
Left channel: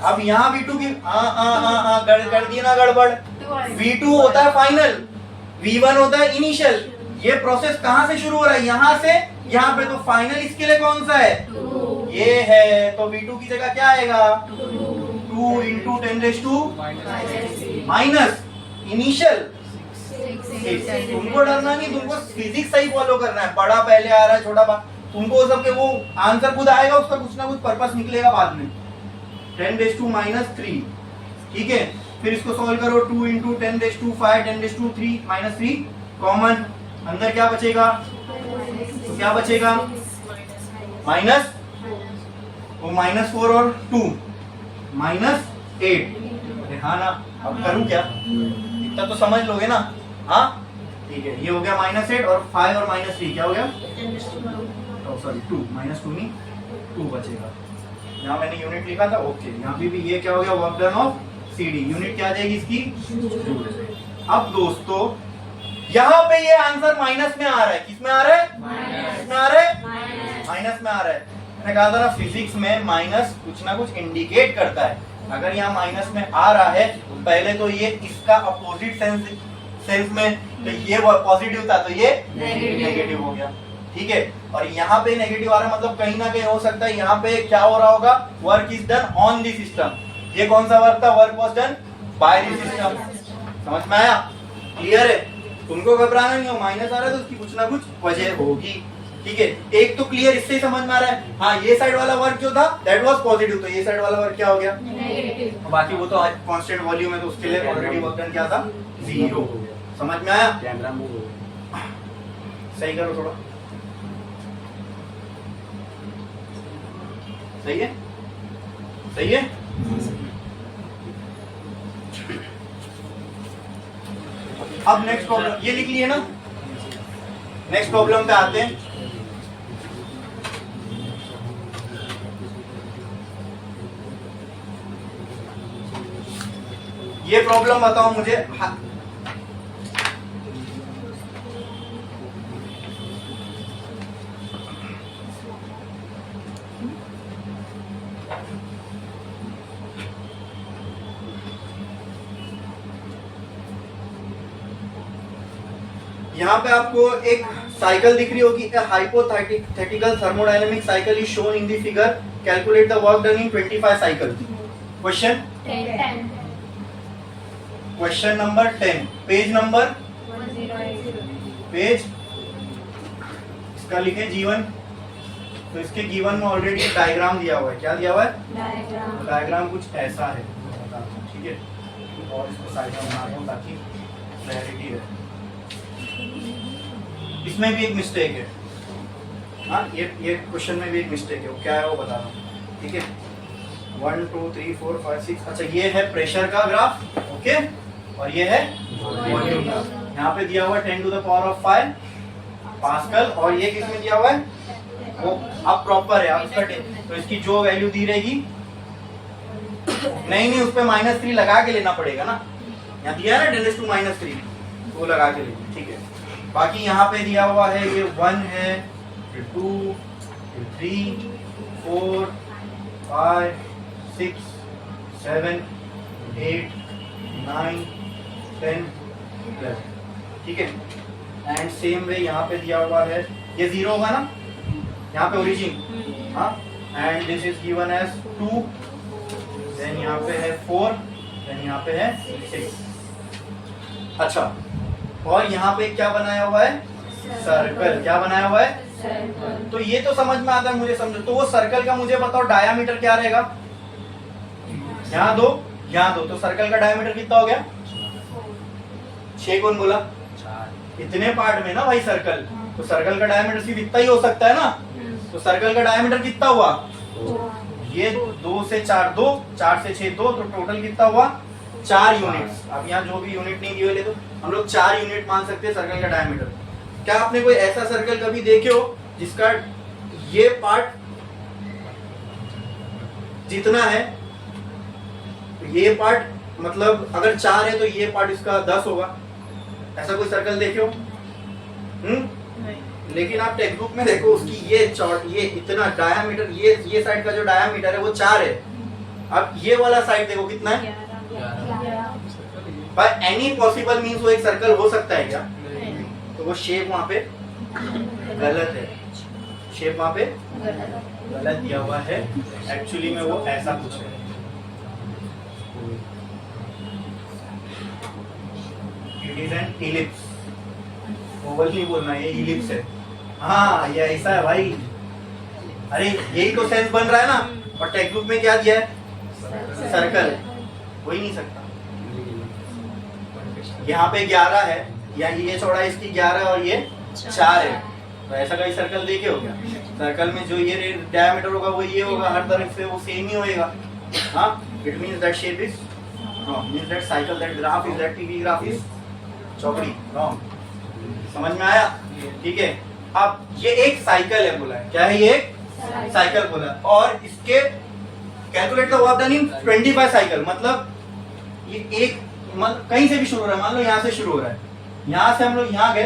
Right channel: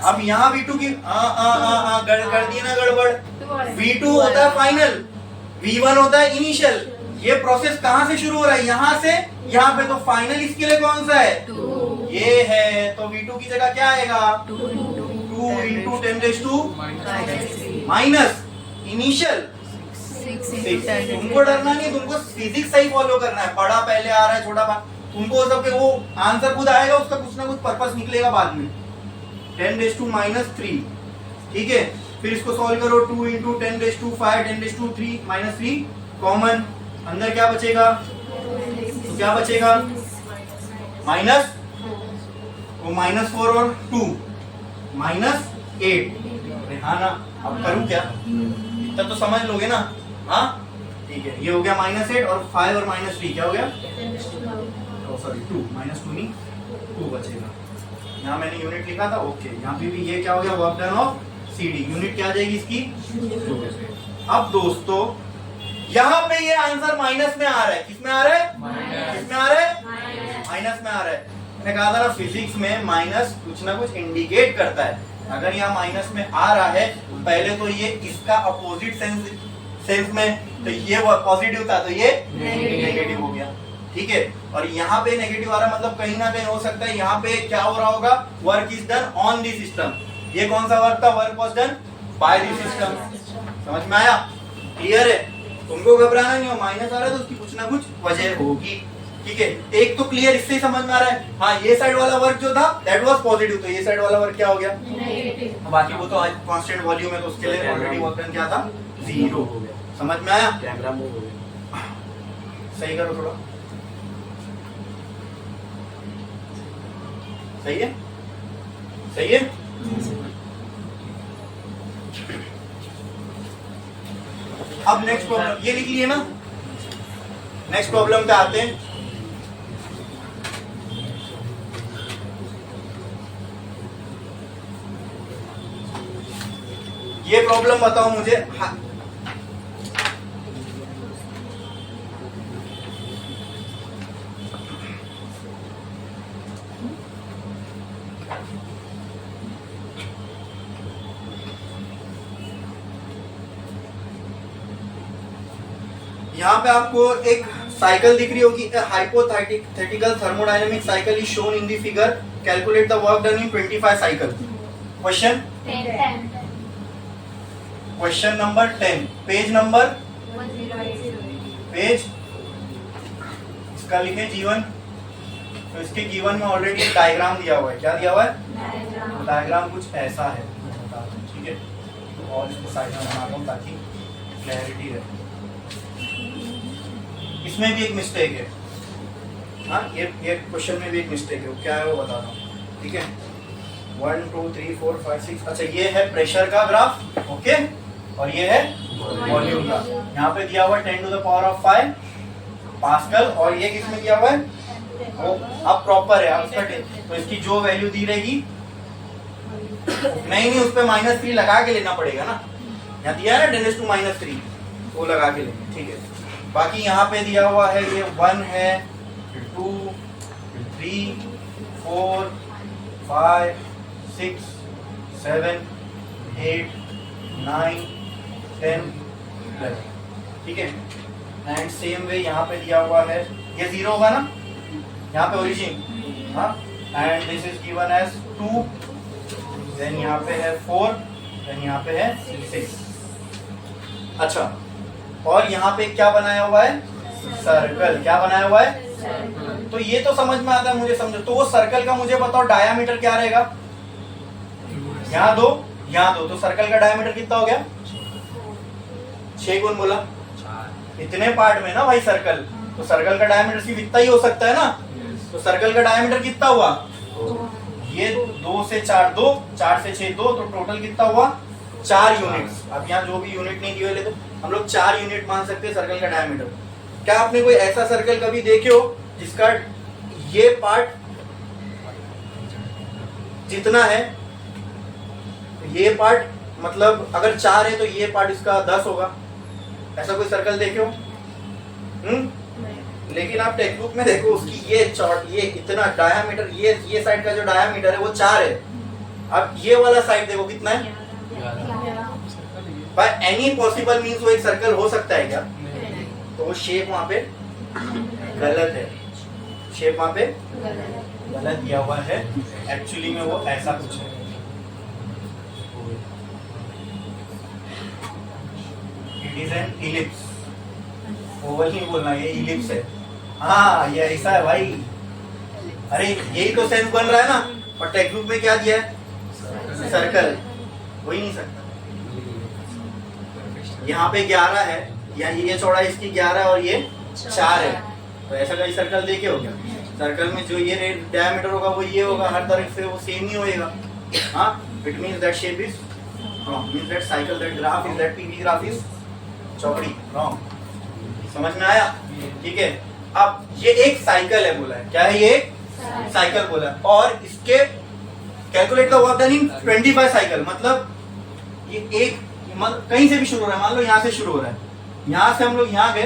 अब यहाँ V2 की कर दी ना गड़बड़। V2 होता है फाइनल, V1 होता है इनिशियल। ये प्रोसेस कहां से शुरू हो रहा है, यहां से यहां पे, तो फाइनल इसके लिए कौन सा है, 2 ये है, तो V2 की जगह क्या आएगा, 2 इंटू 10⁻⁻⁻, माइनस इनिशियल 6। तुमको डरना नहीं, तुमको फिजिक्स सही फॉलो करना है, बड़ा पहले आ रहा है छोटा तुमको सबके वो आंसर खुद आएगा, उसका कुछ ना कुछ पर्पस निकलेगा बाद में। 10⁻³ ठीक है, फिर इसको सॉल्व करो, 2 इंटू 10⁵ 10⁵3 -3 कॉमन, अंदर क्या बचेगा, तो क्या बचेगा माइनस, वो -4 और 2 -8। हाँ ना, अब करूं क्या, इतना तो समझ लोगे ना, हाँ ठीक है, ये हो गया -8 और 5 और -3 क्या हो गया, सॉरी 2 -2 नहीं 2 बचेगा, यहाँ मैंने यूनिट लिखा था, ओके, यहाँ पे भी ये क्या हो गया, work done of CD, unit क्या आ जाएगी इसकी। अब दोस्तों यहाँ पे ये आंसर माइनस में आ रहा है, किस में आ रहा है, किस में आ रहा है, माइनस में आ रहा है। मैंने कहा था ना फिजिक्स में माइनस कुछ ना कुछ इंडिकेट करता है, अगर यहाँ माइनस में आ रहा है पहले तो ये इसका अपोजिट सेंस में, तो ये पॉजिटिव था तो ये नेगेटिव हो गया, ठीक है, और यहाँ पे नेगेटिव आ रहा है, मतलब कहीं ना कहीं हो सकता है यहाँ पे क्या हो रहा होगा, work is done on the system, ये कौन सा वर्क था, work was done by the system. समझ में आया, क्लियर है, तुमको घबराना नहीं हो, माइनस आ रहा है तो उसकी कुछ ना कुछ वजह होगी, ठीक है, एक तो क्लियर इससे ही समझ में आ रहा है। हाँ, ये साइड वाला वर्क जो था दैट वाज पॉजिटिव, तो ये साइड वाला वर्क क्या हो गया, बाकी वो तो कांस्टेंट वॉल्यूम है तो उसके लिए ऑलरेडी वर्क डन क्या था, 0 हो गया। समझ में आया, कैमरा मूव हो गया, सही करो थोड़ा, सही है, सही है। अब नेक्स्ट प्रॉब्लम ये लिख लिए ना, नेक्स्ट प्रॉब्लम पे आते हैं। ये प्रॉब्लम बताओ मुझे, यहाँ पे आपको एक साइकिल दिख रही होगी, hypothetical thermodynamic cycle is shown in the figure, calculate the work done in 25 cycle. Question question number 10, page number, page इसका लिखे G1, तो इसके G1 में ऑलरेडी डायग्राम दिया हुआ है, क्या दिया हुआ है, डायग्राम कुछ ऐसा है, ठीक है, और इसको साइड में बना रहा हूँ ताकि क्लैरिटी रहे। इसमें भी एक मिस्टेक है, हाँ ये क्वेश्चन में भी एक मिस्टेक है, वो क्या है वो बता रहा हूँ, ठीक है, 1 2 3 4 5 6, अच्छा ये है प्रेशर का ग्राफ, ओके, और ये है वॉल्यूम का, यहाँ पे दिया हुआ है 10⁵ पास्कल, और ये किस में दिया हुआ है, वो अब प्रॉपर है, अब इसका तो इसकी जो वैल्यू दी रहेगी, नहीं उस पे -3 लगा के लेना पड़ेगा ना, यहाँ दिया है ना 10⁻³ वो लगा के लेंगे, ठीक है। बाकी यहाँ पे दिया हुआ है ये 1 है, फिर 2, फिर 3, 4, 5, 6, 7, 8, 9, 10, 11, ठीक है। एंड सेम वे यहाँ पे दिया हुआ है, ये 0 होगा ना, यहाँ पे ओरिजिन, हाँ, and this is given as 2, then यहाँ पे है 4, देन यहाँ पे है 6। अच्छा, और यहाँ पे क्या बनाया हुआ है, सर्कल, क्या बनाया हुआ है, तो ये तो समझ में आता है मुझे, समझ, तो वो सर्कल का मुझे बताओ डायामीटर क्या रहेगा, यहाँ 2 यहाँ 2, तो सर्कल का डायामीटर कितना हो गया, 6, कौन बोला, 4, इतने पार्ट में ना भाई सर्कल, तो सर्कल का डायामीटर सिर्फ इतना ही हो सकता है ना, तो सर्कल का डायामीटर कितना हुआ, ये 2 से 4 2, 4 से 6 2, तो टोटल कितना हुआ 4 यूनिट्स। अब यहाँ जो भी यूनिट नहीं दिए तो हम लोग 4 यूनिट मान सकते हैं सर्कल का डायमीटर। क्या आपने कोई ऐसा सर्कल कभी देखे हो जिसका ये पार्ट जितना है, तो ये पार्ट मतलब अगर 4 है तो ये पार्ट इसका 10 होगा, ऐसा कोई सर्कल देखे हो? लेकिन आप टेक्स्ट बुक में देखो उसकी ये इतना डायामीटर, ये साइड का जो डायामीटर है वो 4 है। अब ये वाला साइड देखो कितना है, बाय एनी पॉसिबल मींस वो एक सर्कल हो सकता है क्या? तो वो शेप वहां पे गलत है, शेप वहां पे गलत दिया हुआ है। एक्चुअली में वो ऐसा कुछ है। It is an ellipse. Oval नहीं बोलना, ये इलिप्स है। हाँ ये ऐसा है भाई। अरे यही तो सेंस बन रहा है ना। और टेक्स्ट बुक में क्या दिया है? सर्कल। हो ही नहीं सकता। यहाँ पे 11 है, या ये चौड़ा इसकी 11 और ये 4 है, तो ऐसा कहीं सर्कल देखे हो क्या? सर्कल में जो ये डायमीटर होगा वो ये होगा, हर तरफ से वो सेम ही होएगा। हाँ, it means that shape is means that cycle, that graph is, that PV graph is चौकड़ी। रॉन्ग। समझ में आया? ठीक है। अब ये एक साइकिल है बोला है। क्या है ये? साइकिल बोला है। और इसके calculate the work done in 25 cycle. मतलब ये एक कहीं से भी शुरू हो रहा है, मान लो यहाँ से शुरू हो रहा है, यहाँ से हम लोग यहाँ गए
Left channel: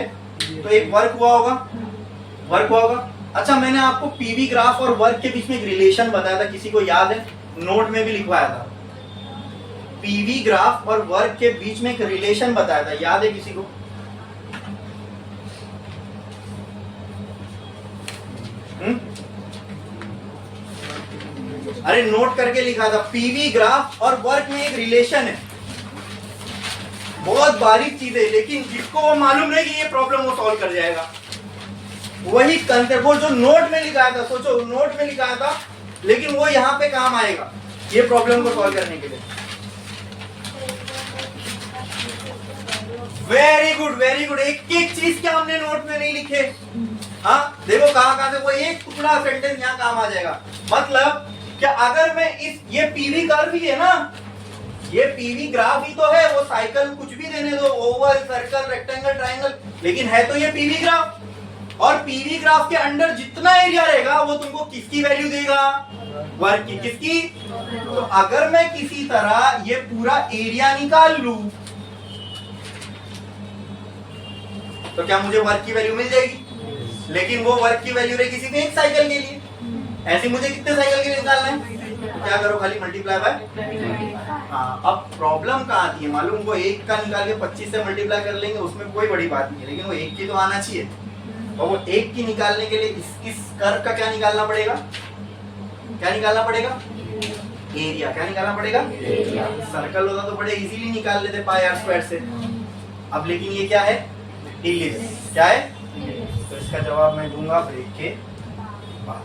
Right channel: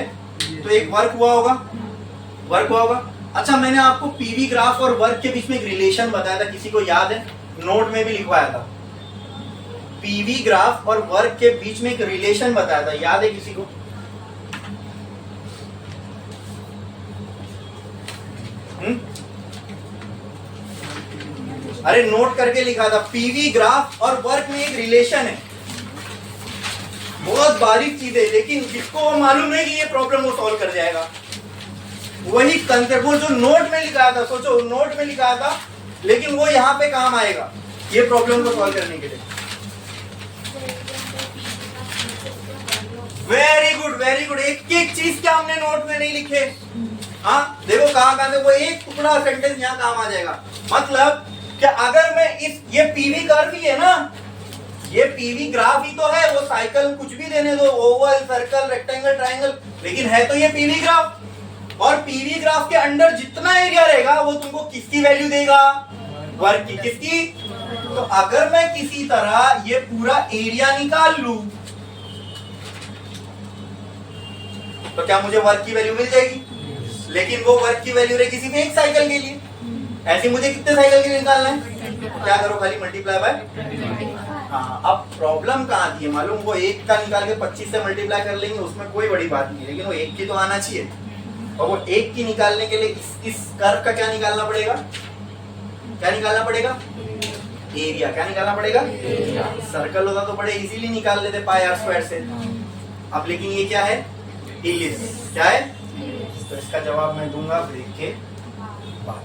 तो एक वर्क हुआ होगा, वर्क हुआ होगा। अच्छा, मैंने आपको पीवी ग्राफ और वर्क के बीच में एक रिलेशन बताया था, किसी को याद है? नोट में भी लिखवाया था। पीवी ग्राफ और वर्क के बीच में एक रिलेशन बताया था, याद है किसी को? अरे नोट करके लिखा था, पीवी ग्राफ और वर्क में एक रिलेशन है। बहुत बारीक चीज है, लेकिन जिसको वो मालूम नहीं कि ये प्रॉब्लम वो सॉल्व कर जाएगा, वही कंसेप्ट वो जो नोट में लिखा था, सोचो नोट में लिखा था, लेकिन वो यहाँ पे काम आएगा ये प्रॉब्लम को सॉल्व करने के लिए। Very good, very good. एक एक चीज क्या हमने नोट में नहीं लिखे? हाँ देखो कहां कहां से वो एक टुकड़ा सेंटेंस यहाँ काम आ जाएगा। मतलब क्या, अगर मैं इस ये पीवी कर्व ही है ना, ये पीवी ग्राफ ही तो है, वो साइकिल कुछ भी देने दो, ओवल, सर्कल, रेक्टेंगल, ट्रायंगल, लेकिन है तो ये पीवी ग्राफ। और पीवी ग्राफ के अंदर जितना एरिया रहेगा वो तुमको किसकी वैल्यू देगा? वर्क की। किसकी? तो अगर मैं किसी तरह ये पूरा एरिया निकाल लूं तो क्या मुझे वर्क की वैल्यू मिल जाएगी? लेकिन वो वर्क की वैल्यू रहेगी सिर्फ एक साइकिल के लिए। ऐसे मुझे कितने साइकिल के लिए निकालना है? तो क्या करो, खाली मल्टीप्लाई बाय। हाँ, अब प्रॉब्लम कहाँ आती है मालूम? वो एक का निकाल के 25 से मल्टीप्लाई कर लेंगे, उसमें कोई बड़ी बात नहीं है, लेकिन वो एक की तो आना चाहिए। और वो एक की निकालने के लिए इस कर्व का क्या निकालना पड़ेगा? क्या निकालना पड़ेगा? एरिया। क्या निकालना पड़ेगा? सर्कल होता तो बड़े इजीली निकाल लेते पाई आर स्क्वायर से। अब लेकिन ये क्या है? इलिप्स। क्या है? तो इसका जवाब मैं दूंगा ब्रेक के बाद।